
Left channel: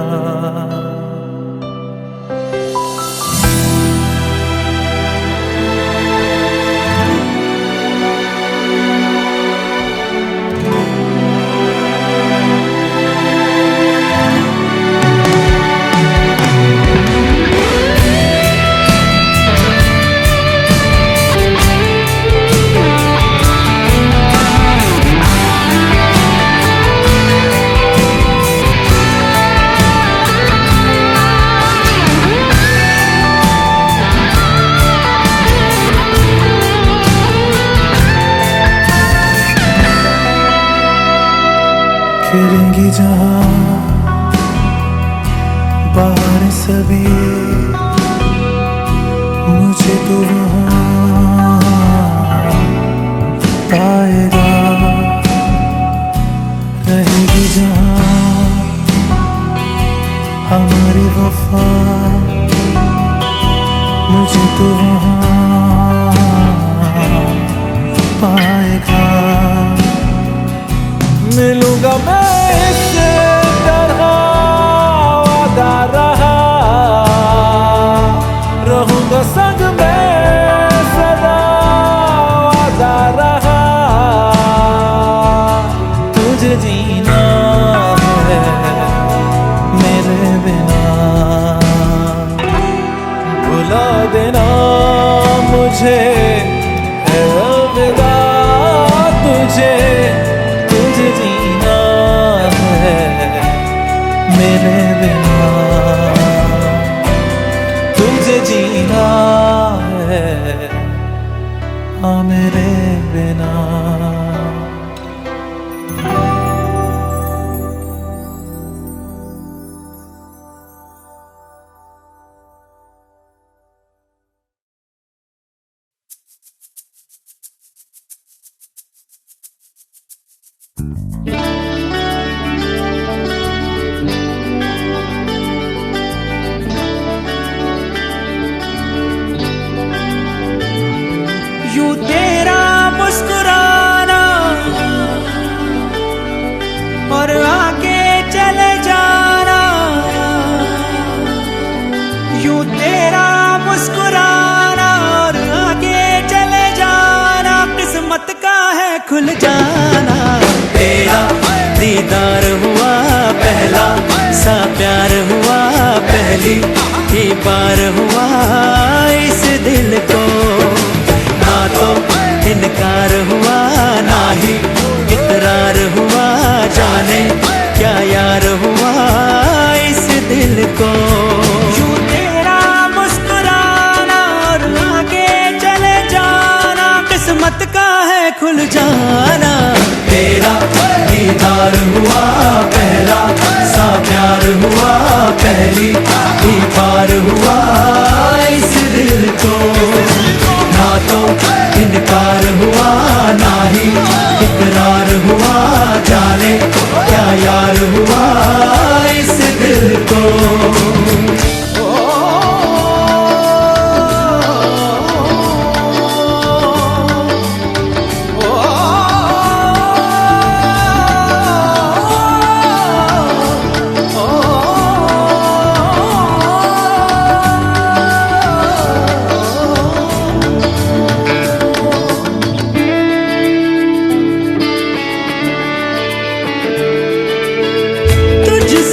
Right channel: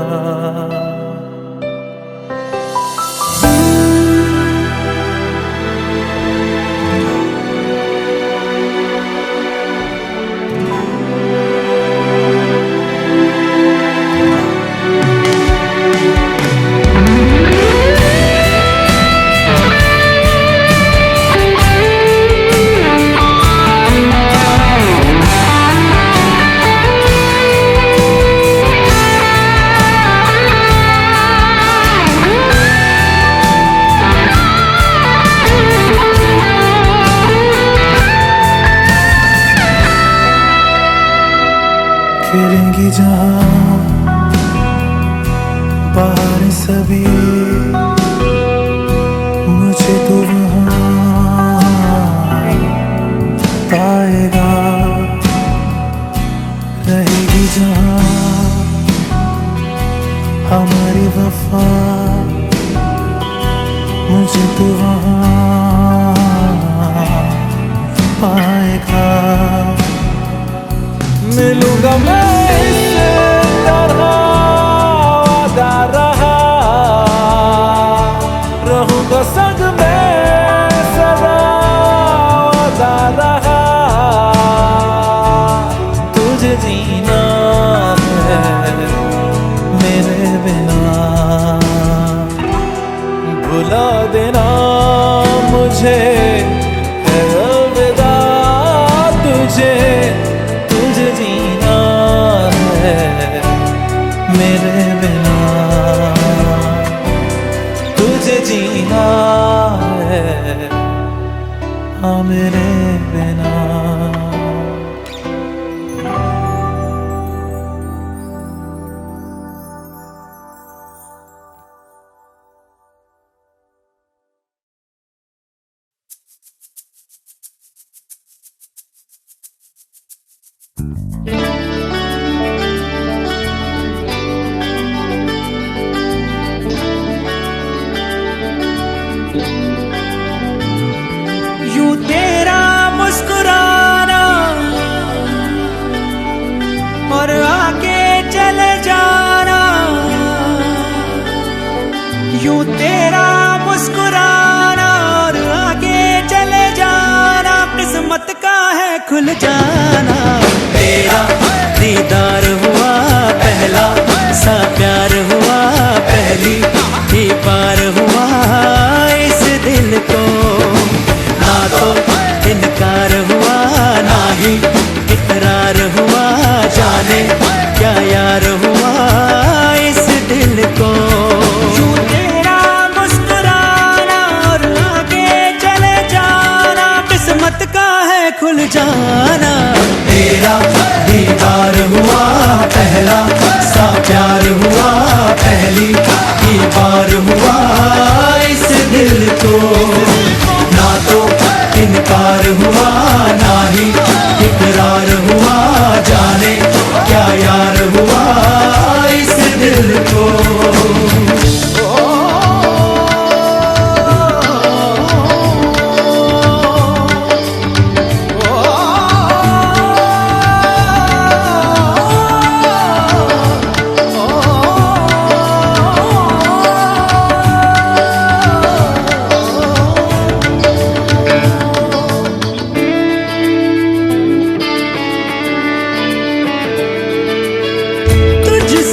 खेलेंगी जहाँ बाहर सभी, मुझे तो वहाँ पाएगा। रहेगी जहाँ हमारी वफा, मुझे तो वहाँ पाएगा। मिलूंगा मैं इस तरह वादा रहा, रहूंगा संग में सदा वादा रहा। तुझे जीना है मेरे बिना। भुला देना मुझे है अलविदा, तुझे जीना है मेरे बिना। तुझे जीना है हाँ मेरे बिना। यूं तेरा मुस्कुराना और आके चले जाना, यूं तेरा मुस्कुराना और आके चले जाना, किस्मत का है खुल जाना। तेरा दीदार हुआ पहला सा प्यार हुआ, पहली ही बार हुआ इस दिल को। ना तो इनकार हुआ ना ही इकरार हुआ, जाने क्या यार हुआ इस दिल को। यूं तेरा मुस्कुराना और आगे चले जाना, किस्मत का है खुल जाना। तेरा दीदार हुआ पहला सा प्यार हुआ, पहली ही बार हुआ इस दिल को। ना तो इनकार हुआ ना ही इकरार हुआ, जाने क्या यार हुआ इस दिल को।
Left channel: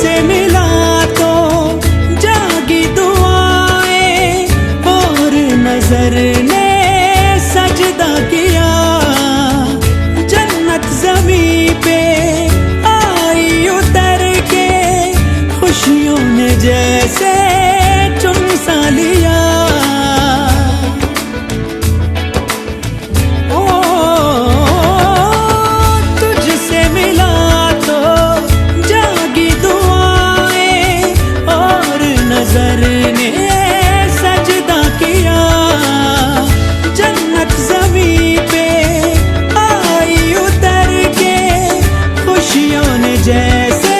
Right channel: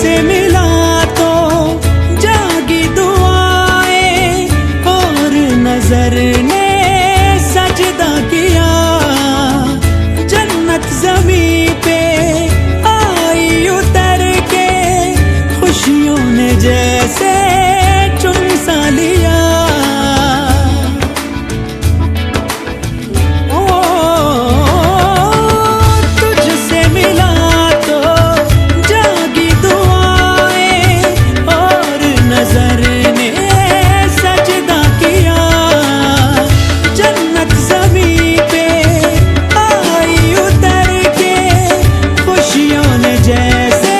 तुझसे मिला तो जागी दुआएं और नजर ने सजदा किया। जन्नत ज़मीं पे आई उतर के खुशियों ने जैसे चुन सा लिया। ओ तुझसे मिला तो जागी दुआएं और नजर ने सजदा किया। जन्नत ज़मीं पे आई उतर के खुशियों ने जैसे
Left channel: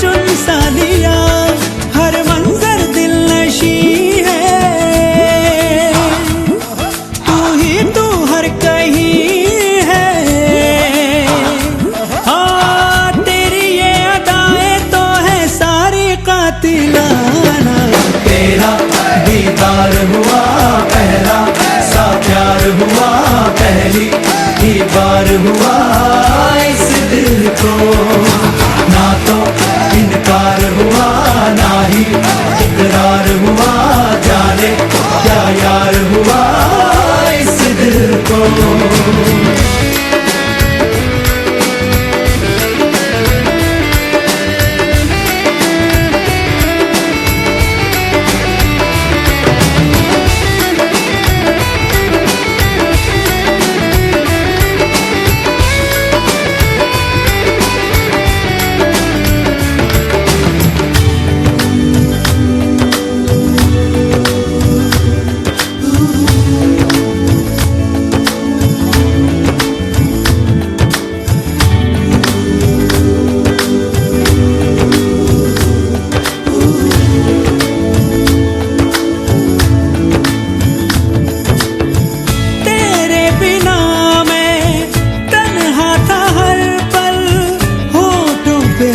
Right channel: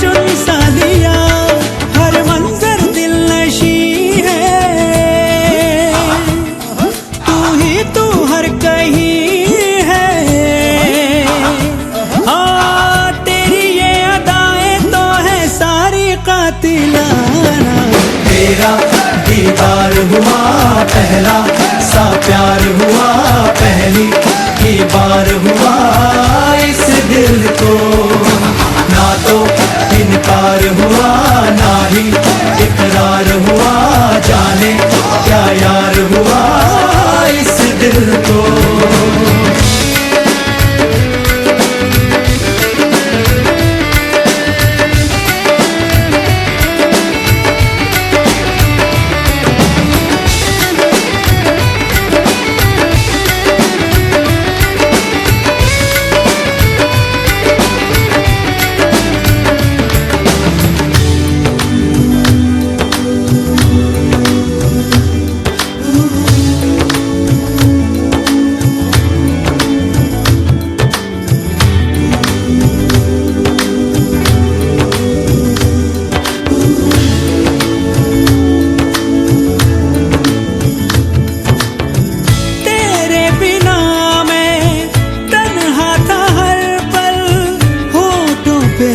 चुन सा लिया। हर मंजर दिल नशी है, तू ही तू हर कहीं है। हाँ तेरी ये अदाएं तो है सारी कातिलाना। तेरा दीदार हुआ पहला सा प्यार हुआ पहली ही बार हुआ इस दिल को। ना तो इनकार हुआ ना ही इकरार हुआ, जाने क्या यार हुआ इस दिल को।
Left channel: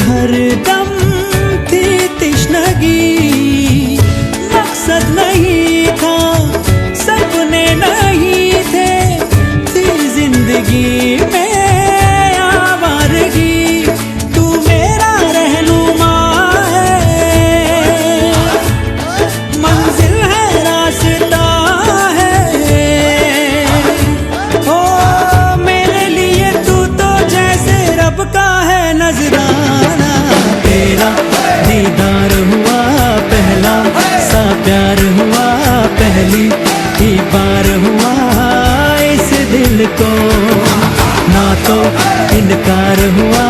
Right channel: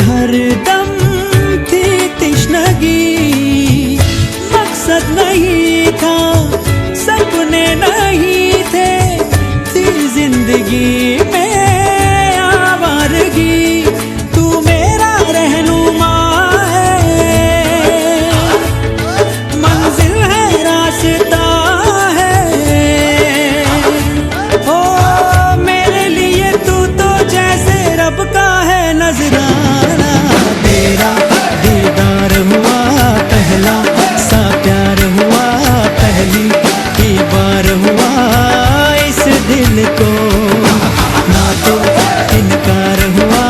हर दम थी तिश्नगी, मकसद नहीं था सपने नहीं थे, थी जिंदगी में आवारगी। तू मेरा रहनुमा है, मंजिल है रास्ता है। ओ मेरे लिए तू तो जैसे रब का है नजराना। तेरा दीदार हुआ पहला सा प्यार हुआ पहली ही बार हुआ इस दिल को। ना तो इनकार हुआ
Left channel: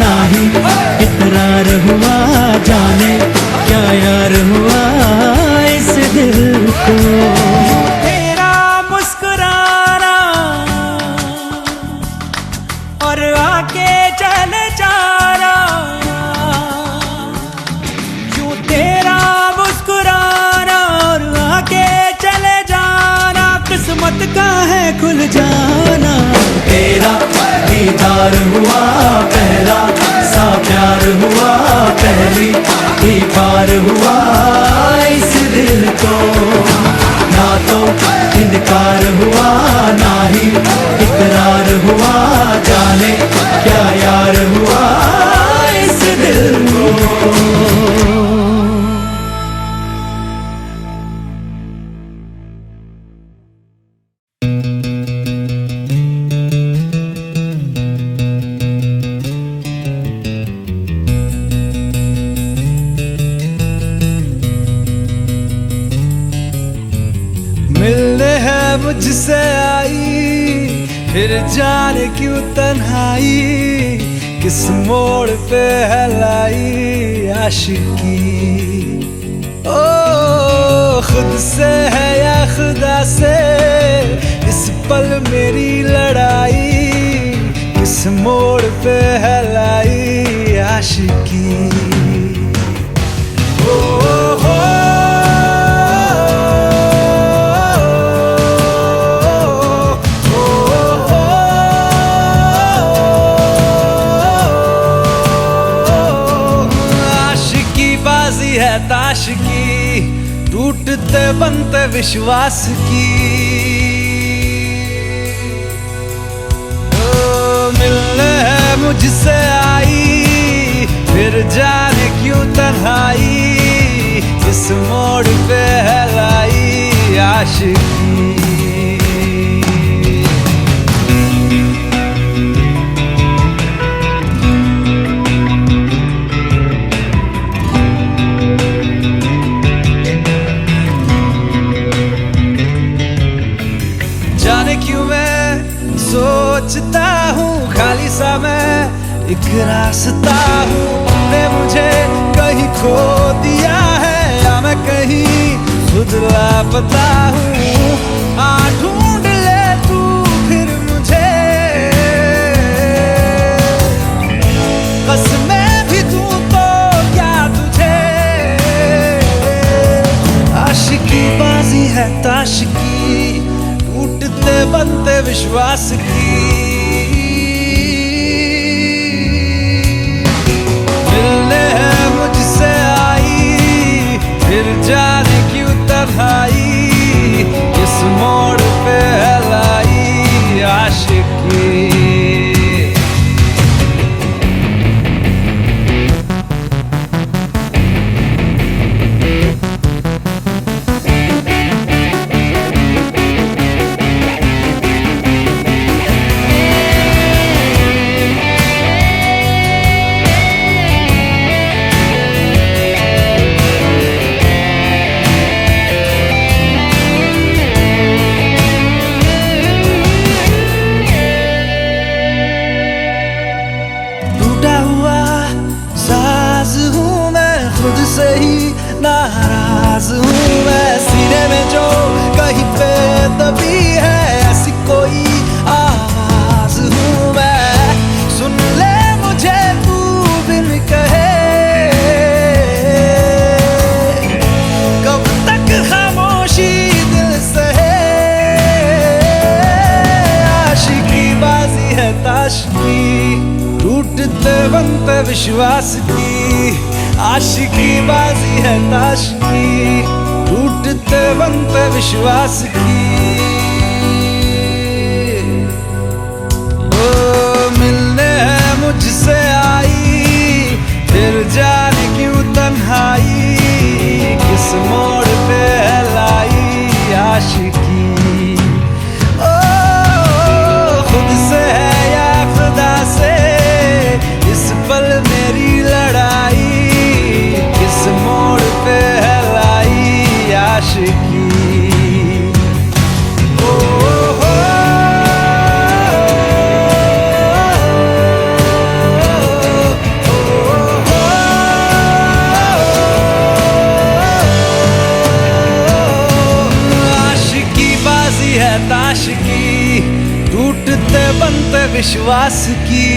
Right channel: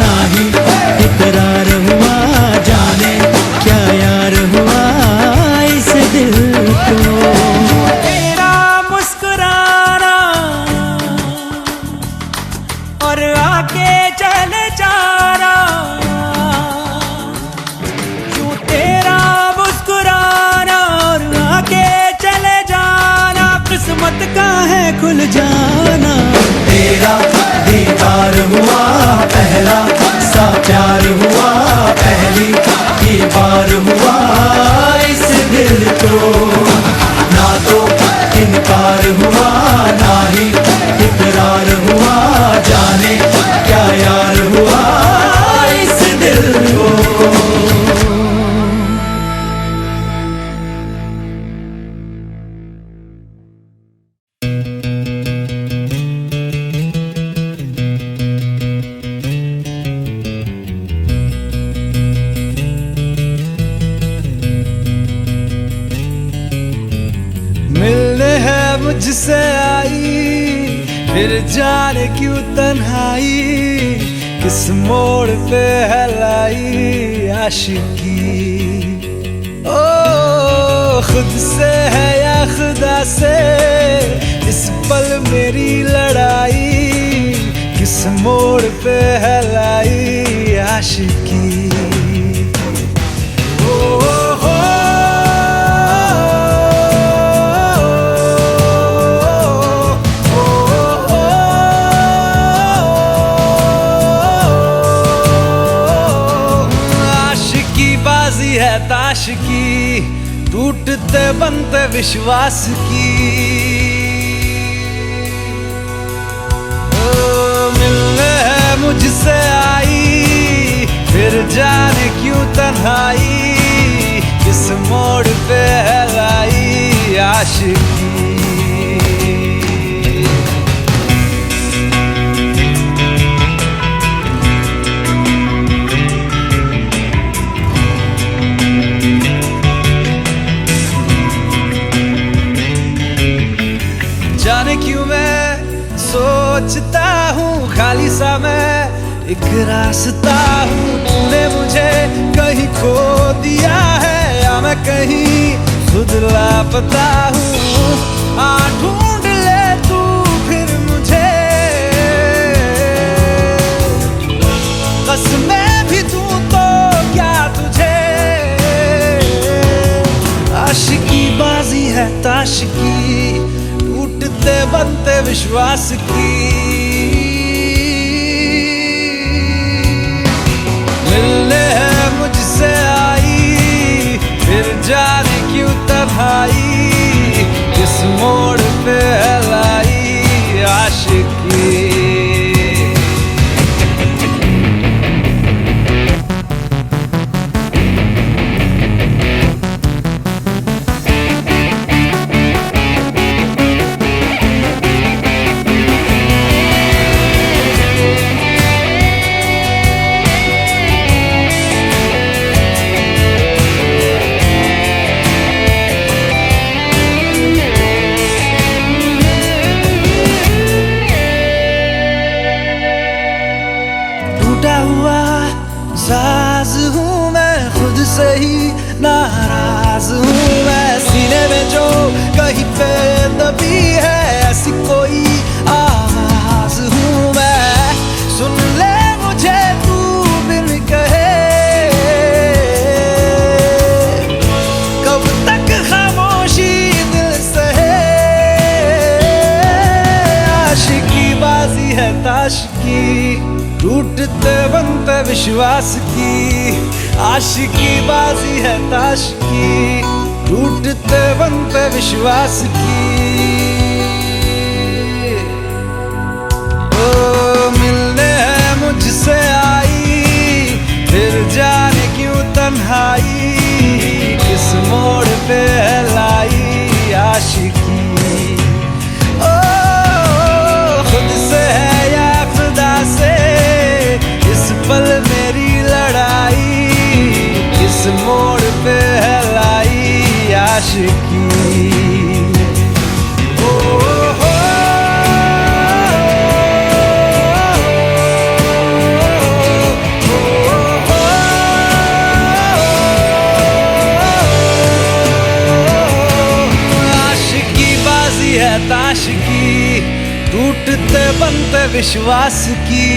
ना ही इकरार हुआ, जाने क्या यार हुआ इस दिल को। तेरा मुस्कुराना और आके चले जाना, यूं तेरा मुस्कुराना और आके चले जाना किस्मत का है खुल जाना। तेरा दीदार हुआ पहला सा प्यार हुआ पहली ही बार हुआ इस दिल को। ना तो इनकार हुआ ना ही इकरार हुआ, जाने क्या यार हुआ इस दिल को। मिलने है मुझसे आई फिर जाने क्यों तन्हाई, किस मोड़ पे है लाई आशिकी। ओ खुद से है या खुदा से इस पल मेरी लड़ाई, किस मोड़ पे है लाई आशिकी। बाजी है ताश की, टूटते बनते विश्वास की। ओ मिलने है मुझसे आई फिर जाने क्यों तन्हाई, किस मोड़ पे है लाई आशिकी। जाने क्यों मैं सोचता हूँ खाली सा मैं एक रास्ता हूँ, तूने मुझे कहीं खो दिया है या मैं कहीं खुद लापता हूँ। आ ढूंढ ले तू फिर मुझे, कसमें भी दूँ तो क्या तुझे। आशिकी बाजी है ताश की, टूटते बनते विश्वास की। मिलने है मुझसे आई, फिर जाने क्यों तन्हाई, किस मोड़ पे है लाई आशिकी। टूटा हुआ साज हूँ मैं, खुद से ही नाराज हूँ मैं। सीने में जो कहीं पे दबी है ऐसी कोई आवाज हूँ मैं। सुन ले मुझे तू बिन कहे, कब तक खामोशी दिल सहे। आशिकी बाजी है ताश की, टूटते बनते विश्वास की। आशिकी बाजी है ताश की, टूटते बनते विश्वास की। ओ मिलने है मुझसे आई, फिर जाने क्यों तन्हाई, किस मोड़ पे है लाई आशिकी। ओ खुद से है या खुदा से इस पल मेरी लड़ाई, किस मोड़ पे है लाई आशिकी। ओ हो आशिकी बाजी है ताश की, टूटते बनते विश्वास की।